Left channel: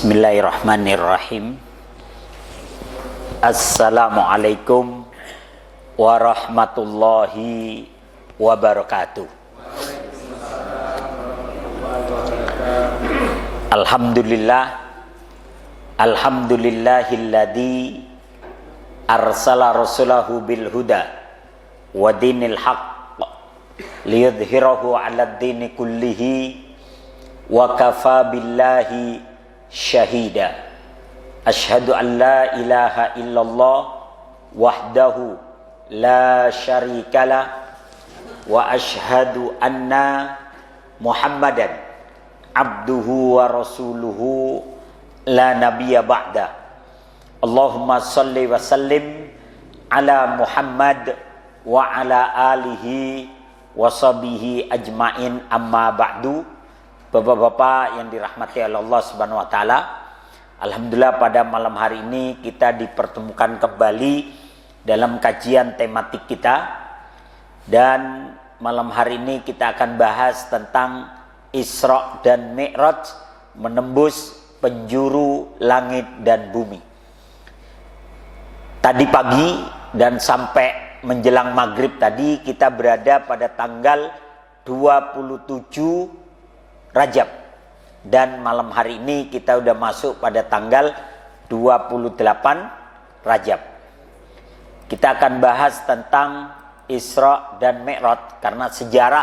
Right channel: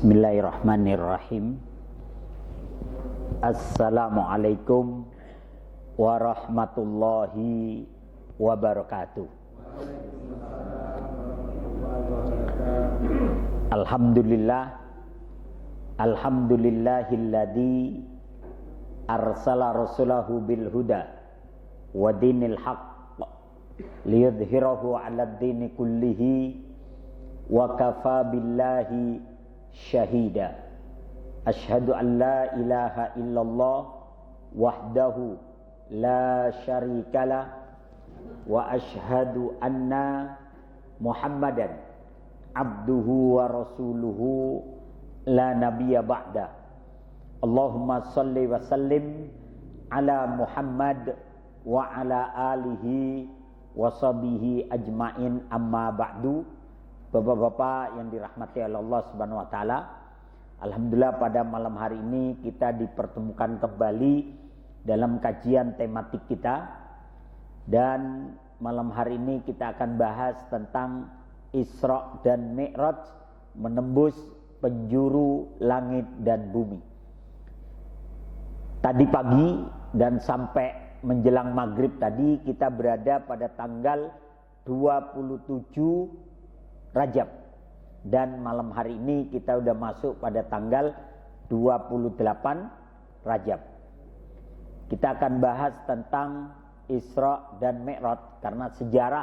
Bismillahirrahmanirrahim. Assalamualaikum warahmatullahi wabarakatuh. Alhamdulillahilladzi arsala rasulahu bil huda wa dinil haqq liyudhhirahu 'alad dini kullihi wa kafa billahi syahida. Asyhadu an la ilaha illallah wahdahu la syarikalah wa asyhadu anna Muhammadan abduhu wa rasuluhu la nabiyya ba'da. Allahumma salli wa sallim ala Muhammad wa ala alihi wa sahbihi ajmain, amma ba'du. Bapak-bapak yang dirahmati oleh Allah Subhanahu wa taala, alhamdulillah pada malam hari ini kita dipertemukan kembali dalam kajian tematik kita. Dan malam hari ini kita akan bahas tentang Isra dan Mi'raj, menembus penjuru langit dan bumi. Tadi pagi dan sampai menjelang maghrib tadi kita berada pada tanggal 27 Rajab, dan malam hari ini kita udah masuk pada tanggal 28 Rajab. Kita akan bahas tentang Isra dan Mi'raj karena sejarah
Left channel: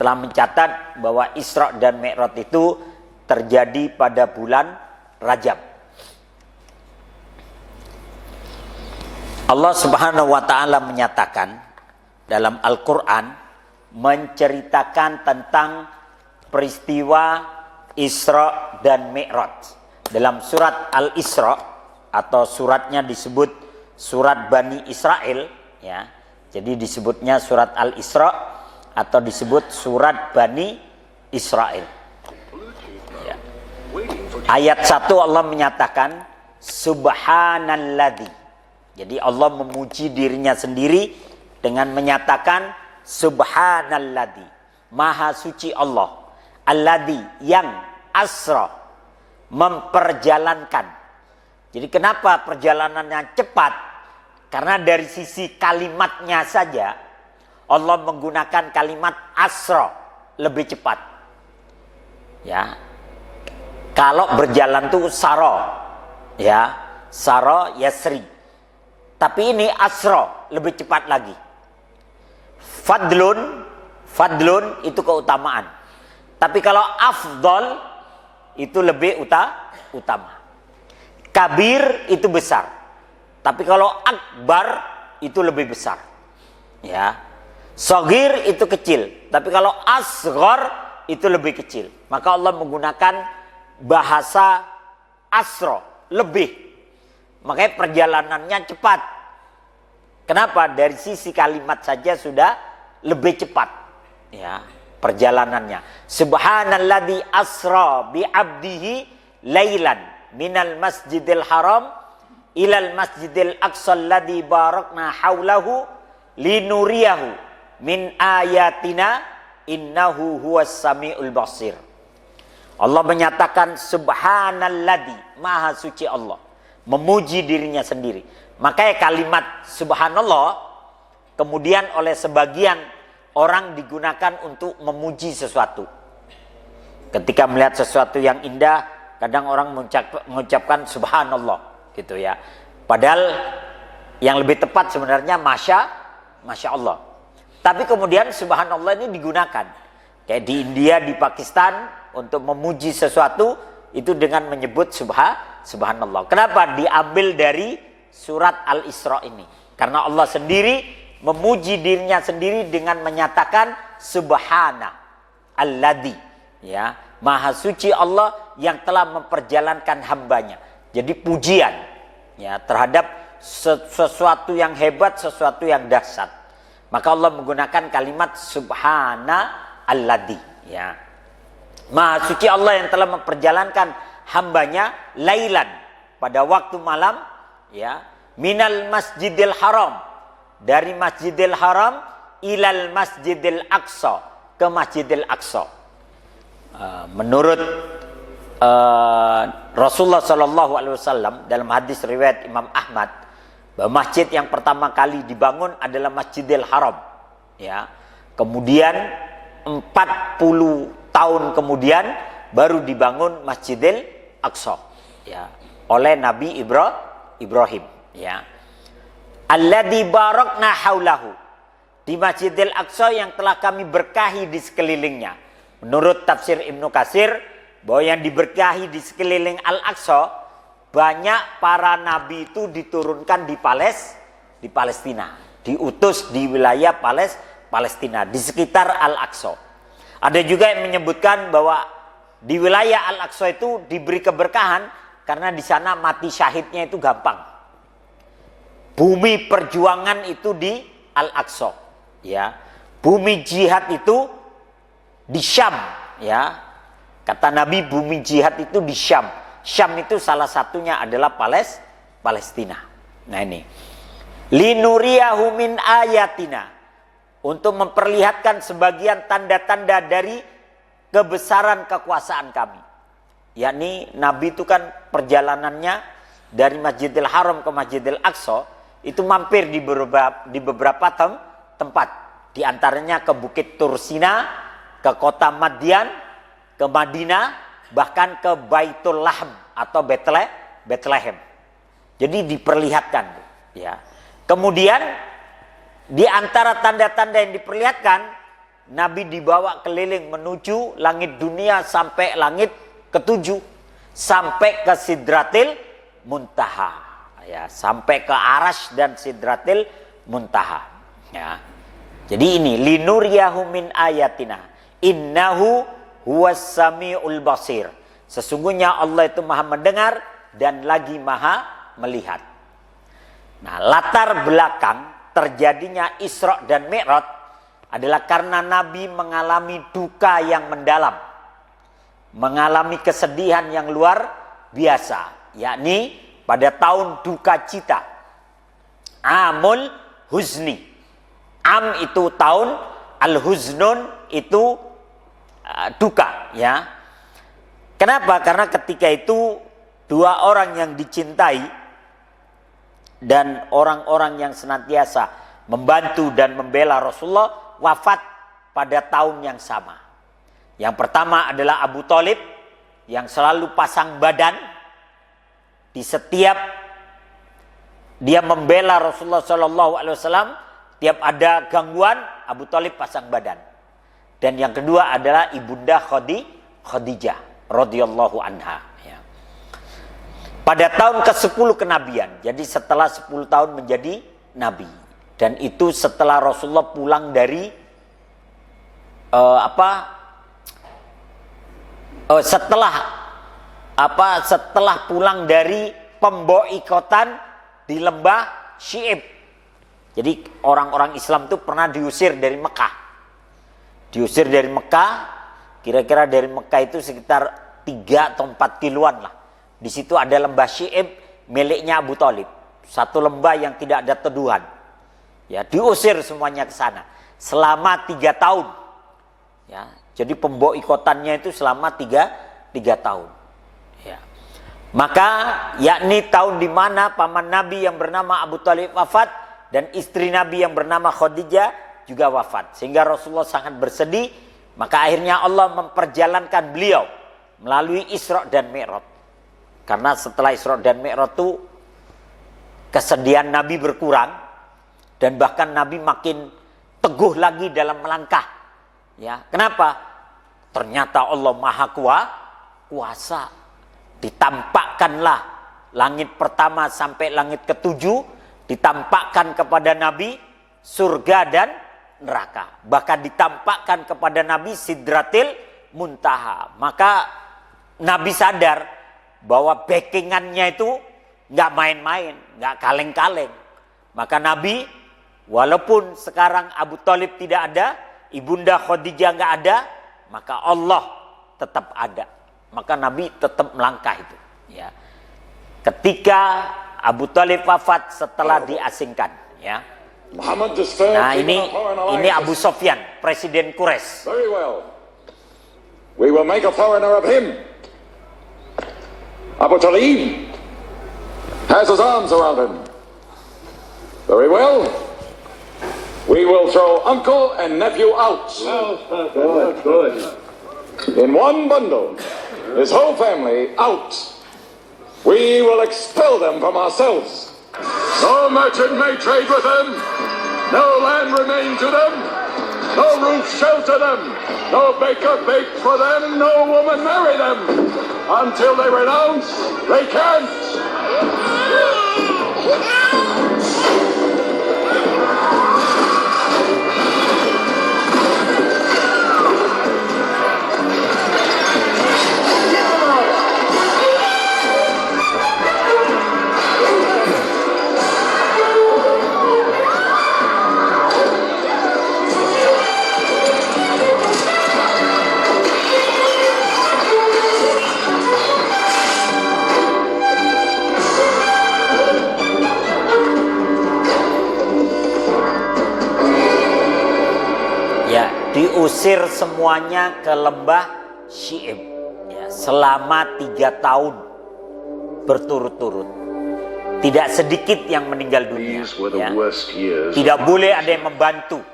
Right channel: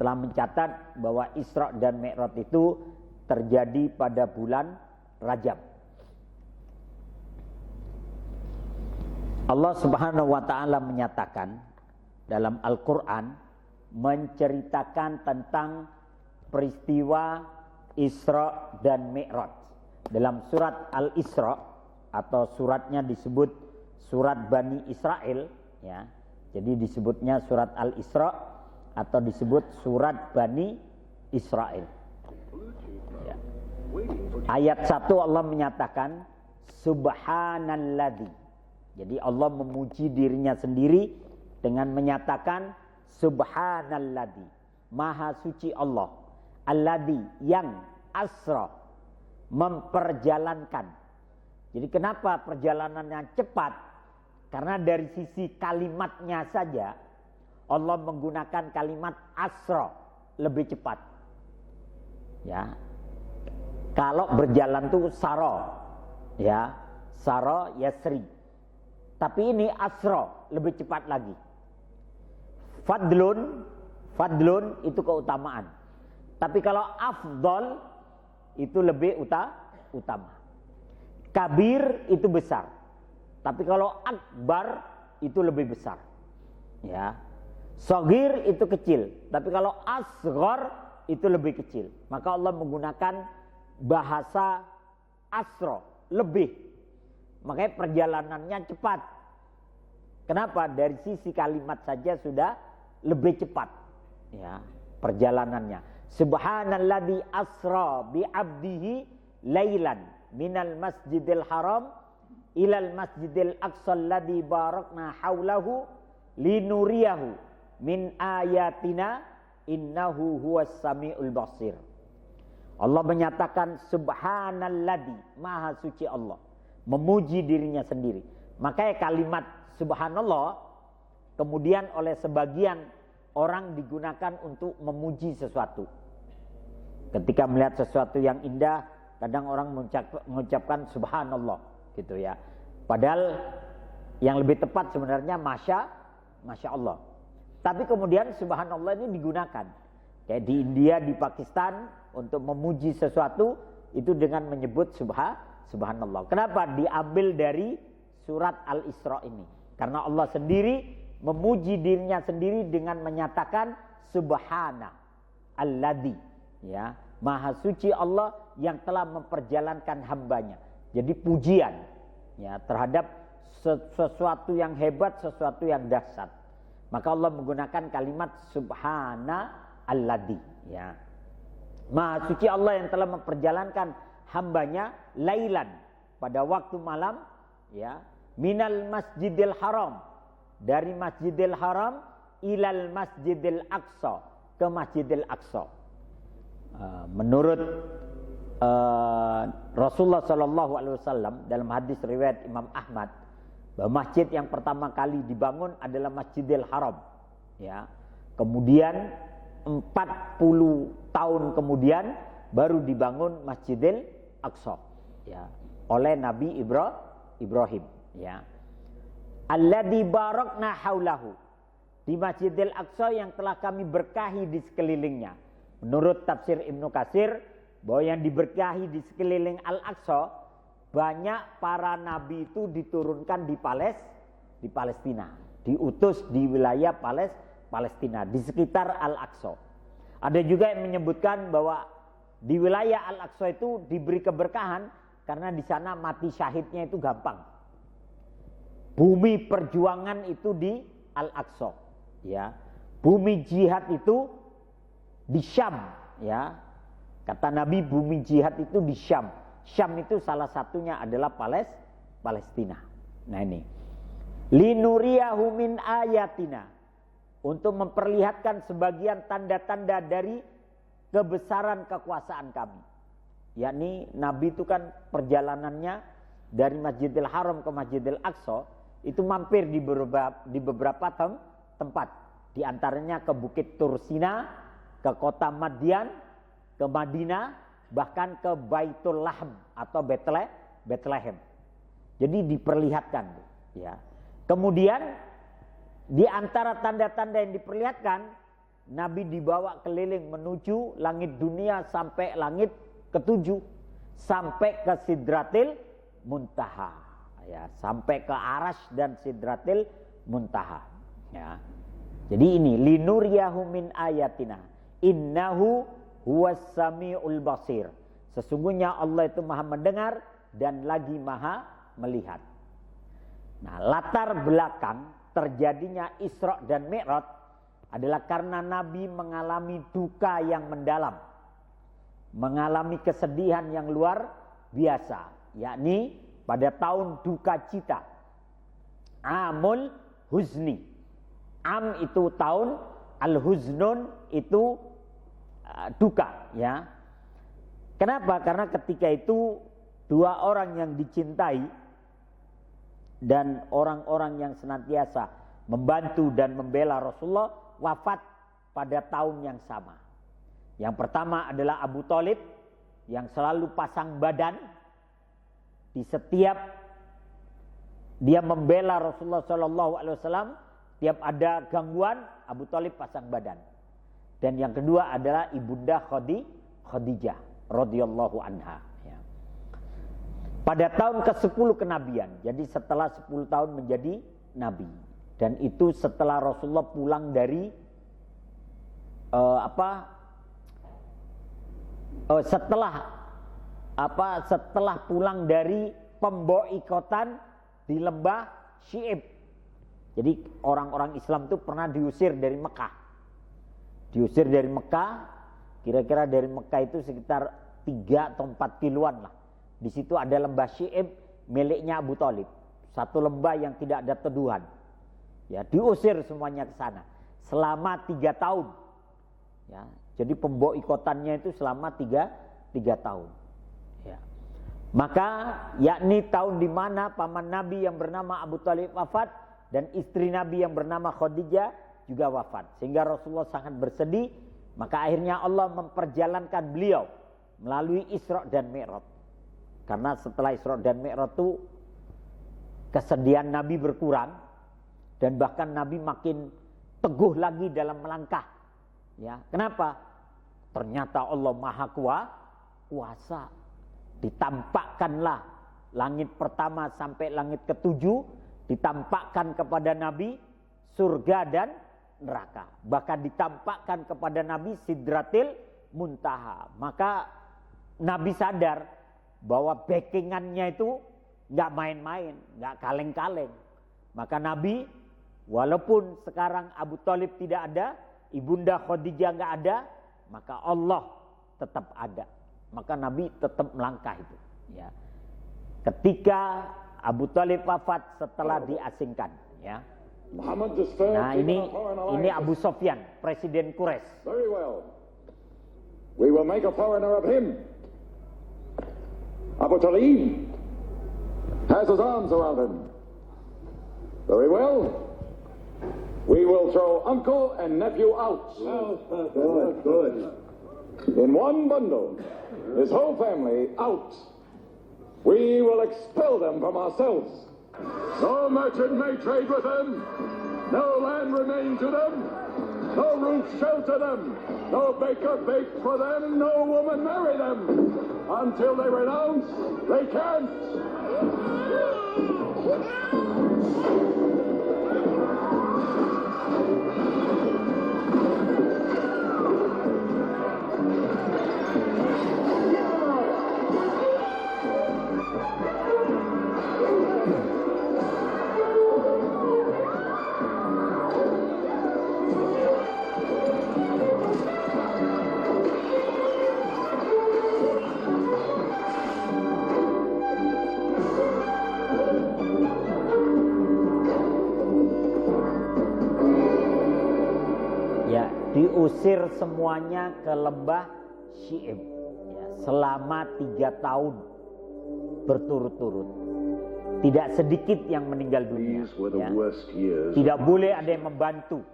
telah mencatat bahwa Isra dan Mi'raj itu terjadi pada bulan Rajab. Allah Subhanahu wa taala menyatakan dalam Al-Qur'an, menceritakan tentang peristiwa Isra dan Mi'raj dalam surat Al-Isra, atau suratnya disebut surat Bani Israel, ya. Jadi disebutnya surat Al-Isra atau disebut surat Bani Israel. Ya. Ayat 1 Allah menyatakan Subhanalladzi. Jadi Allah memuji dirinya sendiri dengan menyatakan Subhanalladzi, Maha suci Allah. Alladzi, yang asra, memperjalankan. Jadi kenapa perjalanannya cepat? Karena dari sisi kalimatnya saja Allah menggunakan kalimat asra, lebih cepat. Ya. Kalau berjalan tuh saro, ya, saro yasri. Tapi ini asra, lebih cepat lagi. Fadlun itu keutamaan. Tapi kalau afdol itu lebih utama. Kabir itu besar. Tapi kalau akbar itu lebih besar. Ya. Shagir itu kecil. Tapi kalau asghar itu lebih kecil. Maka Allah menggunakan bahasa asra, lebih. Makanya perjalanannya cepat. Kenapa? Dari sisi kalimat saja sudah lebih cepat. Ya. Perjalanannya. Subhanalladzi asra bi 'abdihi lailan minal masjidil haram ilal masjidil aqsa alladzi barakna haulahu linuriyahu min ayatina innahu huwas samiul basir. Allah menyatakan subhanalladzi, maha suci Allah, memuji dirinya sendiri. Makanya kalimat subhanallah kemudian oleh sebagian orang digunakan untuk memuji sesuatu. Ketika melihat sesuatu yang indah, kadang orang mengucapkan subhanallah, gitu ya. Padahal yang lebih tepat sebenarnya masya Allah. Tapi kemudian subhanallah ini digunakan. Kayak di India, di Pakistan, untuk memuji sesuatu itu dengan menyebut subhanallah. Kenapa? Diambil dari surat Al-Isra ini. Karena Allah sendiri memuji dirinya sendiri dengan menyatakan subhana alladzi, ya, maha suci Allah yang telah memperjalankan hambanya. Jadi pujian, ya, terhadap sesuatu yang hebat, sesuatu yang dahsyat. Maka Allah menggunakan kalimat subhana alladzi, ya. Maha suci Allah yang telah memperjalankan hambanya lailan, pada waktu malam, ya, minal masjidil haram, dari Masjidil Haram ilal Masjidil Aqsa, ke Masjidil Aqsa. Menurut Rasulullah Shallallahu Alaihi Wasallam dalam hadis riwayat Imam Ahmad bahwa masjid yang pertama kali dibangun adalah Masjidil Haram, ya. Kemudian 40 tahun kemudian baru dibangun Masjidil Aqsa, ya, oleh Nabi Ibrahim, ya. Alladzi barakna haulahu, di Masjidil Aqsa yang telah kami berkahi di sekelilingnya. Menurut tafsir Ibnu Katsir, bahwa yang diberkahi di sekeliling Al-Aqsa, banyak para nabi itu diturunkan di Palestina, diutus di wilayah Palestina di sekitar Al-Aqsa. Ada juga yang menyebutkan bahwa di wilayah Al-Aqsa itu diberi keberkahan karena di sana mati syahidnya itu gampang. Bumi perjuangan itu di Al-Aqsa, ya. Bumi jihad itu di Syam, ya. Kata Nabi, bumi jihad itu di Syam. Syam itu salah satunya adalah Palestina. Nah ini. Linuriyahu min ayatina. Untuk memperlihatkan sebagian tanda-tanda dari kebesaran kekuasaan kami. Yakni Nabi itu kan perjalanannya dari Masjidil Haram ke Masjidil Aqsa itu mampir di beberapa tempat. Di antaranya ke Bukit Tursina, ke kota Madian, ke Madinah, bahkan ke Baitul Lahm atau Bethlehem. Jadi diperlihatkan, ya. Kemudian di antara tanda-tanda yang diperlihatkan, Nabi dibawa keliling menuju langit dunia sampai langit ketujuh, sampai ke Sidratil Muntaha, ya, sampai ke Arash dan Sidratil Muntaha, ya. Jadi ini linuriyahu min ayatina innahu huwas samiul basir. Sesungguhnya Allah itu maha mendengar dan lagi maha melihat. Nah, latar belakang terjadinya Isra dan Mi'raj adalah karena Nabi mengalami duka yang mendalam, mengalami kesedihan yang luar biasa, yakni pada tahun duka cita, Amul Huzni. Am itu tahun, Al-Huznun itu duka, ya. Kenapa? Karena ketika itu dua orang yang dicintai dan orang-orang yang senantiasa membantu dan membela Rasulullah wafat pada tahun yang sama. Yang pertama adalah Abu Thalib yang selalu pasang badan di setiap dia membela Rasulullah SAW. Tiap ada gangguan, Abu Thalib pasang badan. Dan yang kedua adalah Ibunda Khadijah radhiyallahu anha, ya. Pada tahun ke-10 kenabian, jadi setelah 10 tahun menjadi nabi. Dan itu setelah Rasulullah pulang dari setelah pulang dari pemboikotan di lembah Syi'ib. Jadi orang-orang Islam itu pernah diusir dari Mekah. Diusir dari Mekah, kira-kira dari Mekah itu sekitar 3 atau 4 kiloan lah. Di situ ada lembah Syi'ib miliknya Abu Thalib. Satu lembah yang tidak ada teduhan. Ya, diusir semuanya ke sana selama 3 tahun. Ya, jadi pemboikotannya itu selama 3 tahun. Ya. Maka yakni tahun di mana paman Nabi yang bernama Abu Thalib wafat dan istri Nabi yang bernama Khadijah juga wafat. Sehingga Rasulullah sangat bersedih. Maka akhirnya Allah memperjalankan beliau melalui Isra dan Mi'raj. Karena setelah Isra dan Mi'raj itu kesedihan Nabi berkurang. Dan bahkan Nabi makin teguh lagi dalam melangkah. Ya, kenapa? Ternyata Allah Maha Kuasa. Ditampakkanlah langit pertama sampai langit ke-7. Ditampakkan kepada Nabi surga dan neraka. Bahkan ditampakkan kepada Nabi Sidratil Muntaha. Maka Nabi sadar bahwa backingannya itu nggak main-main, nggak kaleng-kaleng. Maka Nabi, walaupun sekarang Abu Thalib tidak ada, Ibunda Khadijah nggak ada, maka Allah tetap ada. Maka Nabi tetap melangkah itu. Ya. Ketika Abu Thalib wafat setelah diasingkan, ya. Nah ini Abu Sufyan, presiden Quraisy. Very well. We will make a foreigner of him. Abu Talib has his arms around him. Very well. We will throw uncle and nephew out. Good. In one bundle. His whole family out. We will expel them from ourselves. No merchant may trade with them. No land remain to them. No roof shelter them. No baker bake for them. No woman marry them. Until they renounce, they can't. Diusir semuanya ke lembah Syi'ib ya, selama 3 tahun berturut-turut. Tidak sedikit yang meninggal dunia ya. Tidak boleh ada yang membantu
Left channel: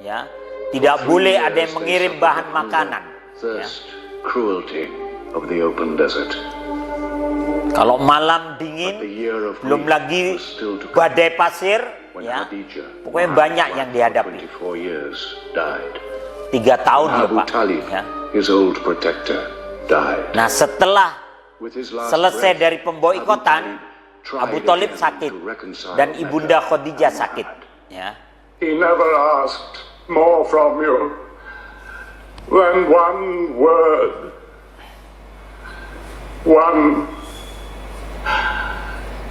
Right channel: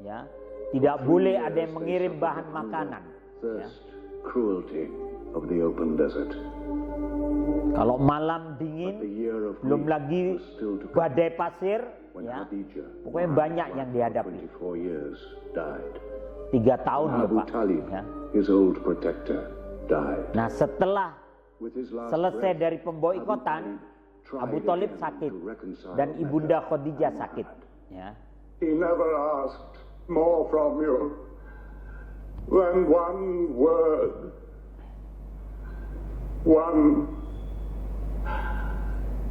ya. Tidak boleh ada yang mengirim bahan makanan ya. Kalau malam dingin, belum lagi badai pasir ya. Pokoknya banyak yang dihadapi. 3 tahun ya Pak ya. Nah setelah selesai dari pemboikotan, Abu Thalib sakit dan ibunda Khadijah sakit ya. He never asked more from you than one word.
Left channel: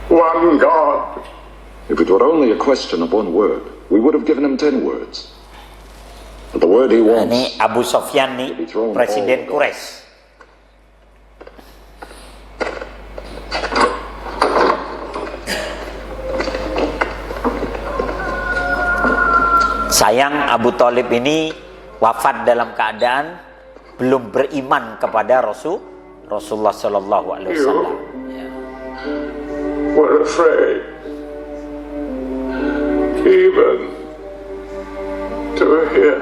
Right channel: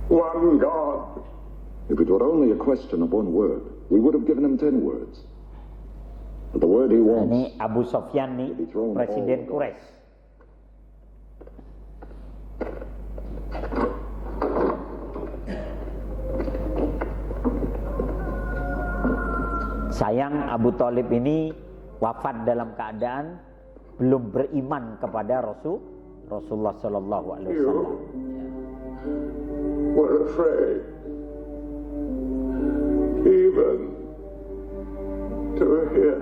One God. If it were only a question of one word, we would have given him 10 words. But the word he wants. Ini Abu Sofyan nih, presiden Quraisy. Sayang Abu Thalib ini wafat dalam keadaan belum beriman kepada Rasulullah Shallallahu Alaihi Wasallam. We're afraid, even to hear.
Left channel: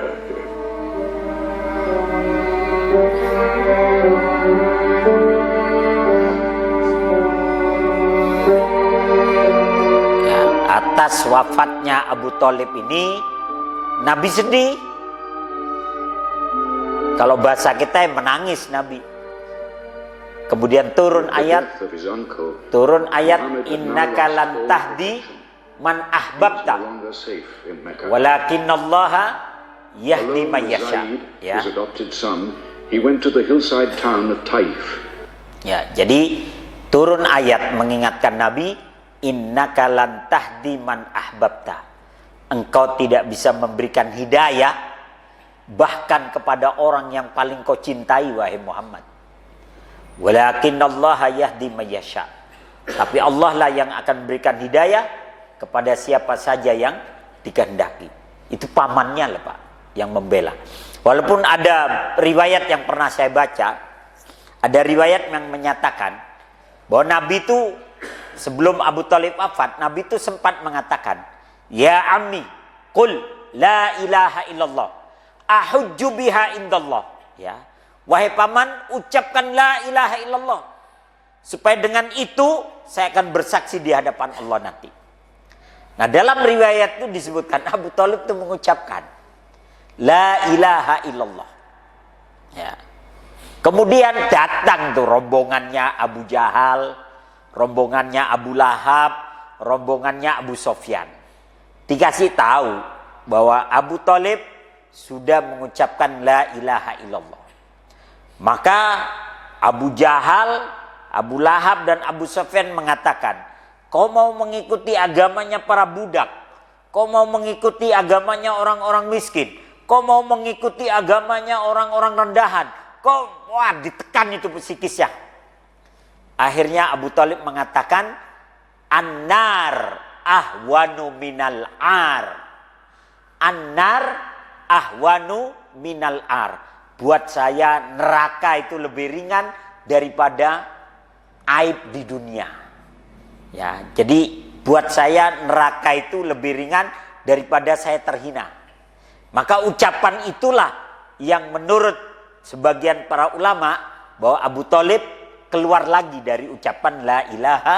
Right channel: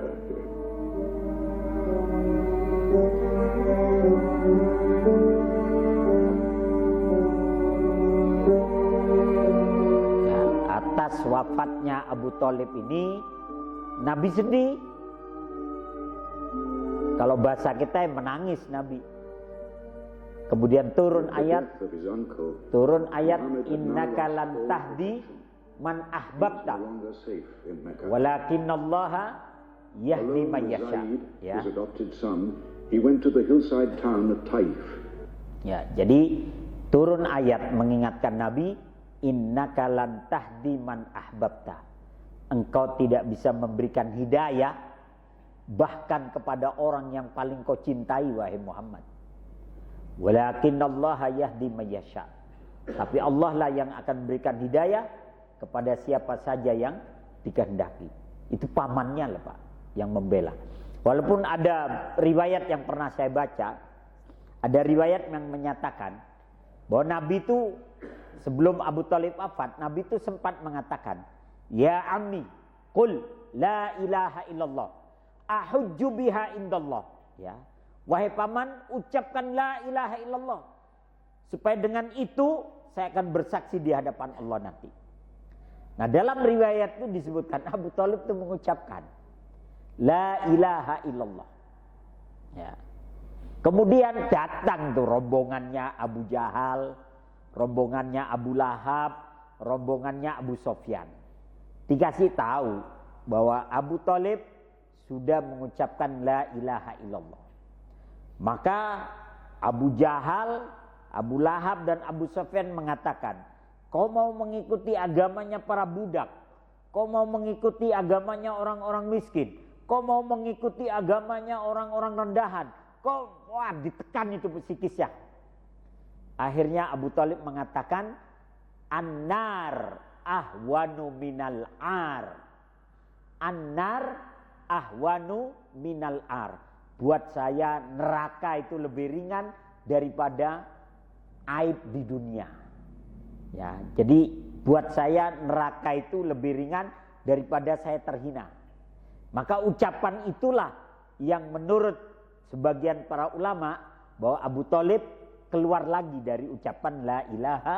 Ya, atas wafatnya Abu Thalib ini, Nabi sedih. Kalau bahasa kita menangis Nabi. Kemudian turun ayat innaka lan tahdi man ahbabta walakinallaha yahdi man yasha ya. Ya, jadi turun ayat mengingatkan Nabi, innaka lan tahdi man ahbabta. Engkau tidak bisa memberikan hidayah bahkan kepada orang yang paling kau cintai wahai Muhammad. Walakinallaha yahdi man yasha. Tapi Allah lah yang akan memberikan hidayah kepada siapa saja yang dikehendaki. Itu pamannya lah Pak yang membela. Walaupun ada riwayat yang pernah saya baca, ada riwayat yang menyatakan bahwa Nabi itu sebelum Abu Thalib wafat, Nabi itu sempat mengatakan, ya ammi, qul la ilaha illallah, ahujju biha indallah. Ya, wahai paman, ucapkan la ilaha illallah, supaya dengan itu saya akan bersaksi di hadapan Allah nanti. Nah dalam riwayat itu disebutkan Abu Thalib itu mengucapkan la ilaha illallah. Ya. Kemudian datang tuh rombongannya Abu Jahal, rombongannya Abu Lahab, rombongannya Abu Sofyan. Dikasih tahu bahwa Abu Thalib sudah mengucapkan la ilaha illallah. Maka Abu Jahal, Abu Lahab dan Abu Sofyan mengatakan, kau mau mengikuti agamanya para budak, kau mau mengikuti agamanya orang-orang miskin, kau mau mengikuti agamanya orang-orang rendahan, kau wah ditekan itu psikisnya. Akhirnya Abu Thalib mengatakan, an-nar ahwanu minal ar. An-nar ahwanu minal ar. Buat saya neraka itu lebih ringan daripada aib di dunia. Ya, jadi buat saya neraka itu lebih ringan daripada saya terhina. Maka ucapan itulah yang menurut sebagian para ulama bahwa Abu Thalib keluar lagi dari ucapan la ilaha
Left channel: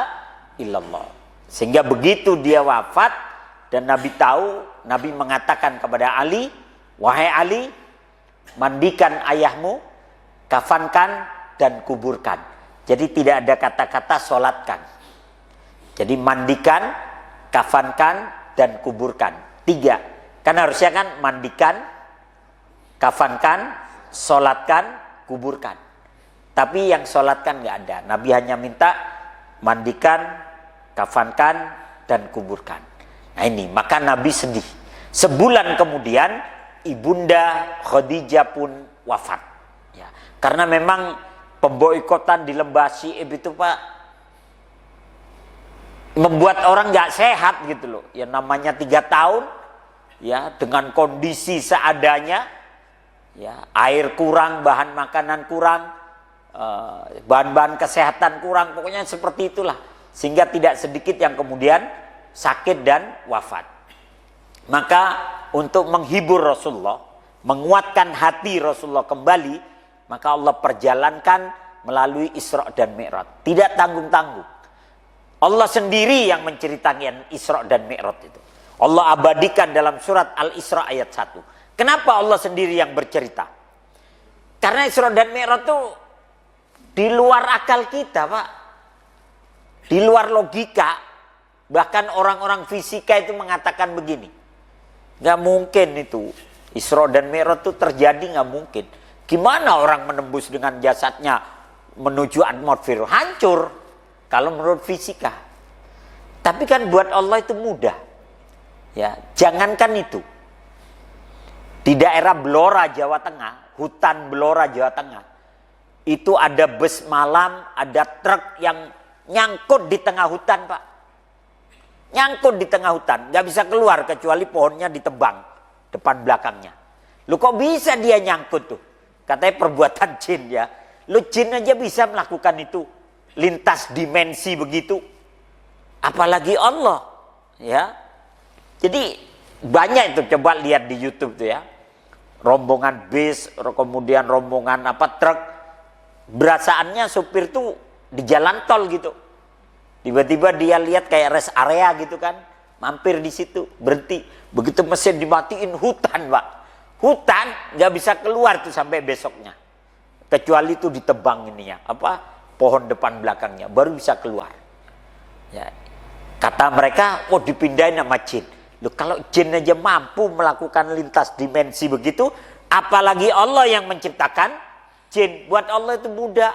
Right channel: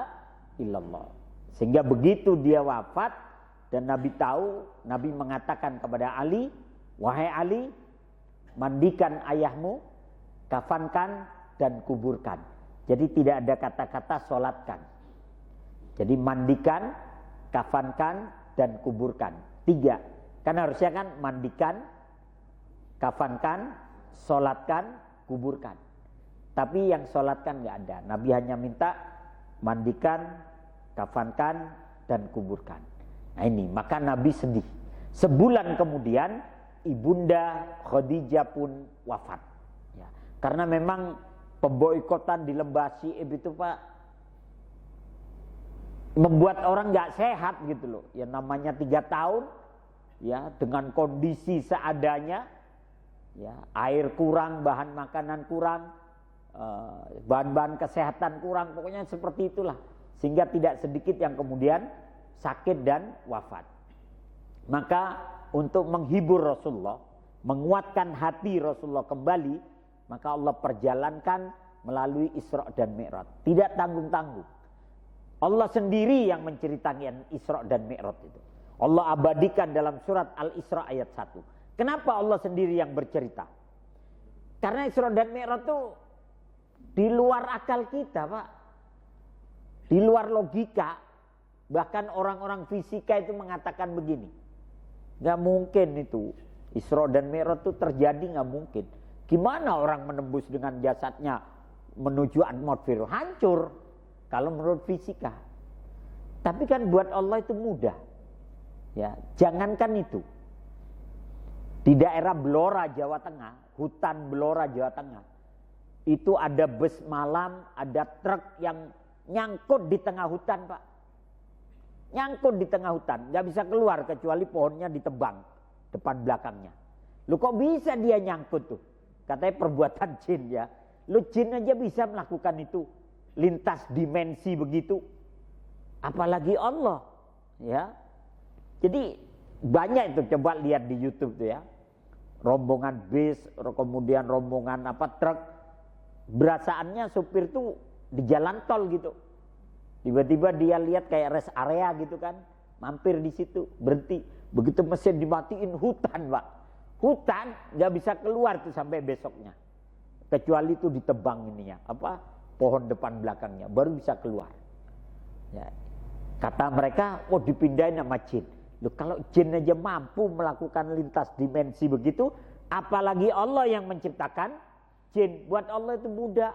illallah. Sehingga begitu dia wafat dan Nabi tahu, Nabi mengatakan kepada Ali, wahai Ali, mandikan ayahmu, kafankan dan kuburkan. Jadi tidak ada kata-kata sholatkan. Jadi mandikan, kafankan dan kuburkan. 3. Kan harusnya kan mandikan, kafankan, sholatkan, kuburkan. Tapi yang sholatkan nggak ada. Nabi hanya minta mandikan, kafankan dan kuburkan. Nah ini, maka Nabi sedih. Sebulan kemudian Ibunda Khadijah pun wafat. Ya, karena memang pemboikotan di lembah Syi'ib itu Pak membuat orang nggak sehat gitu loh. Ya namanya 3 tahun, ya dengan kondisi seadanya, ya air kurang, bahan makanan kurang, bahan-bahan kesehatan kurang, pokoknya seperti itulah. Sehingga tidak sedikit yang kemudian sakit dan wafat. Maka untuk menghibur Rasulullah, menguatkan hati Rasulullah kembali, maka Allah perjalankan melalui Isra dan Mi'raj. Tidak tanggung-tanggung. Allah sendiri yang menceritakan Isra dan Mi'raj itu. Allah abadikan dalam surat Al-Isra ayat 1. Kenapa Allah sendiri yang bercerita? Karena Isra dan Mi'raj itu di luar akal kita Pak. Di luar logika. Bahkan orang-orang fisika itu mengatakan begini. Gak mungkin itu. Isra dan Mi'raj itu terjadi gak mungkin. Gimana orang menembus dengan jasadnya menuju atmosfer? Hancur. Kalau menurut fisika. Tapi kan buat Allah itu mudah. Ya, jangankan itu. Di daerah Blora, Jawa Tengah. Hutan Blora, Jawa Tengah. Itu ada bus malam, ada truk yang nyangkut di tengah hutan Pak. Nyangkut di tengah hutan, gak bisa keluar kecuali pohonnya ditebang depan belakangnya. Lu kok bisa dia nyangkut tuh? Katanya perbuatan jin ya. Lu jin aja bisa melakukan itu, lintas dimensi begitu. Apalagi Allah, ya. Jadi banyak itu, coba lihat di YouTube tuh ya. Rombongan bis, kemudian rombongan truk. Berasaannya supir tuh di jalan tol gitu. Tiba-tiba dia lihat kayak rest area gitu kan. Mampir di situ, berhenti. Begitu mesin dimatiin, hutan Pak. Hutan gak bisa keluar tuh sampai besoknya. Kecuali itu ditebang ininya. Pohon depan belakangnya. Baru bisa keluar. Ya. Kata mereka, dipindahin sama jin. Loh, kalau jin aja mampu melakukan lintas dimensi begitu. Apalagi Allah yang menciptakan jin. Buat Allah itu mudah.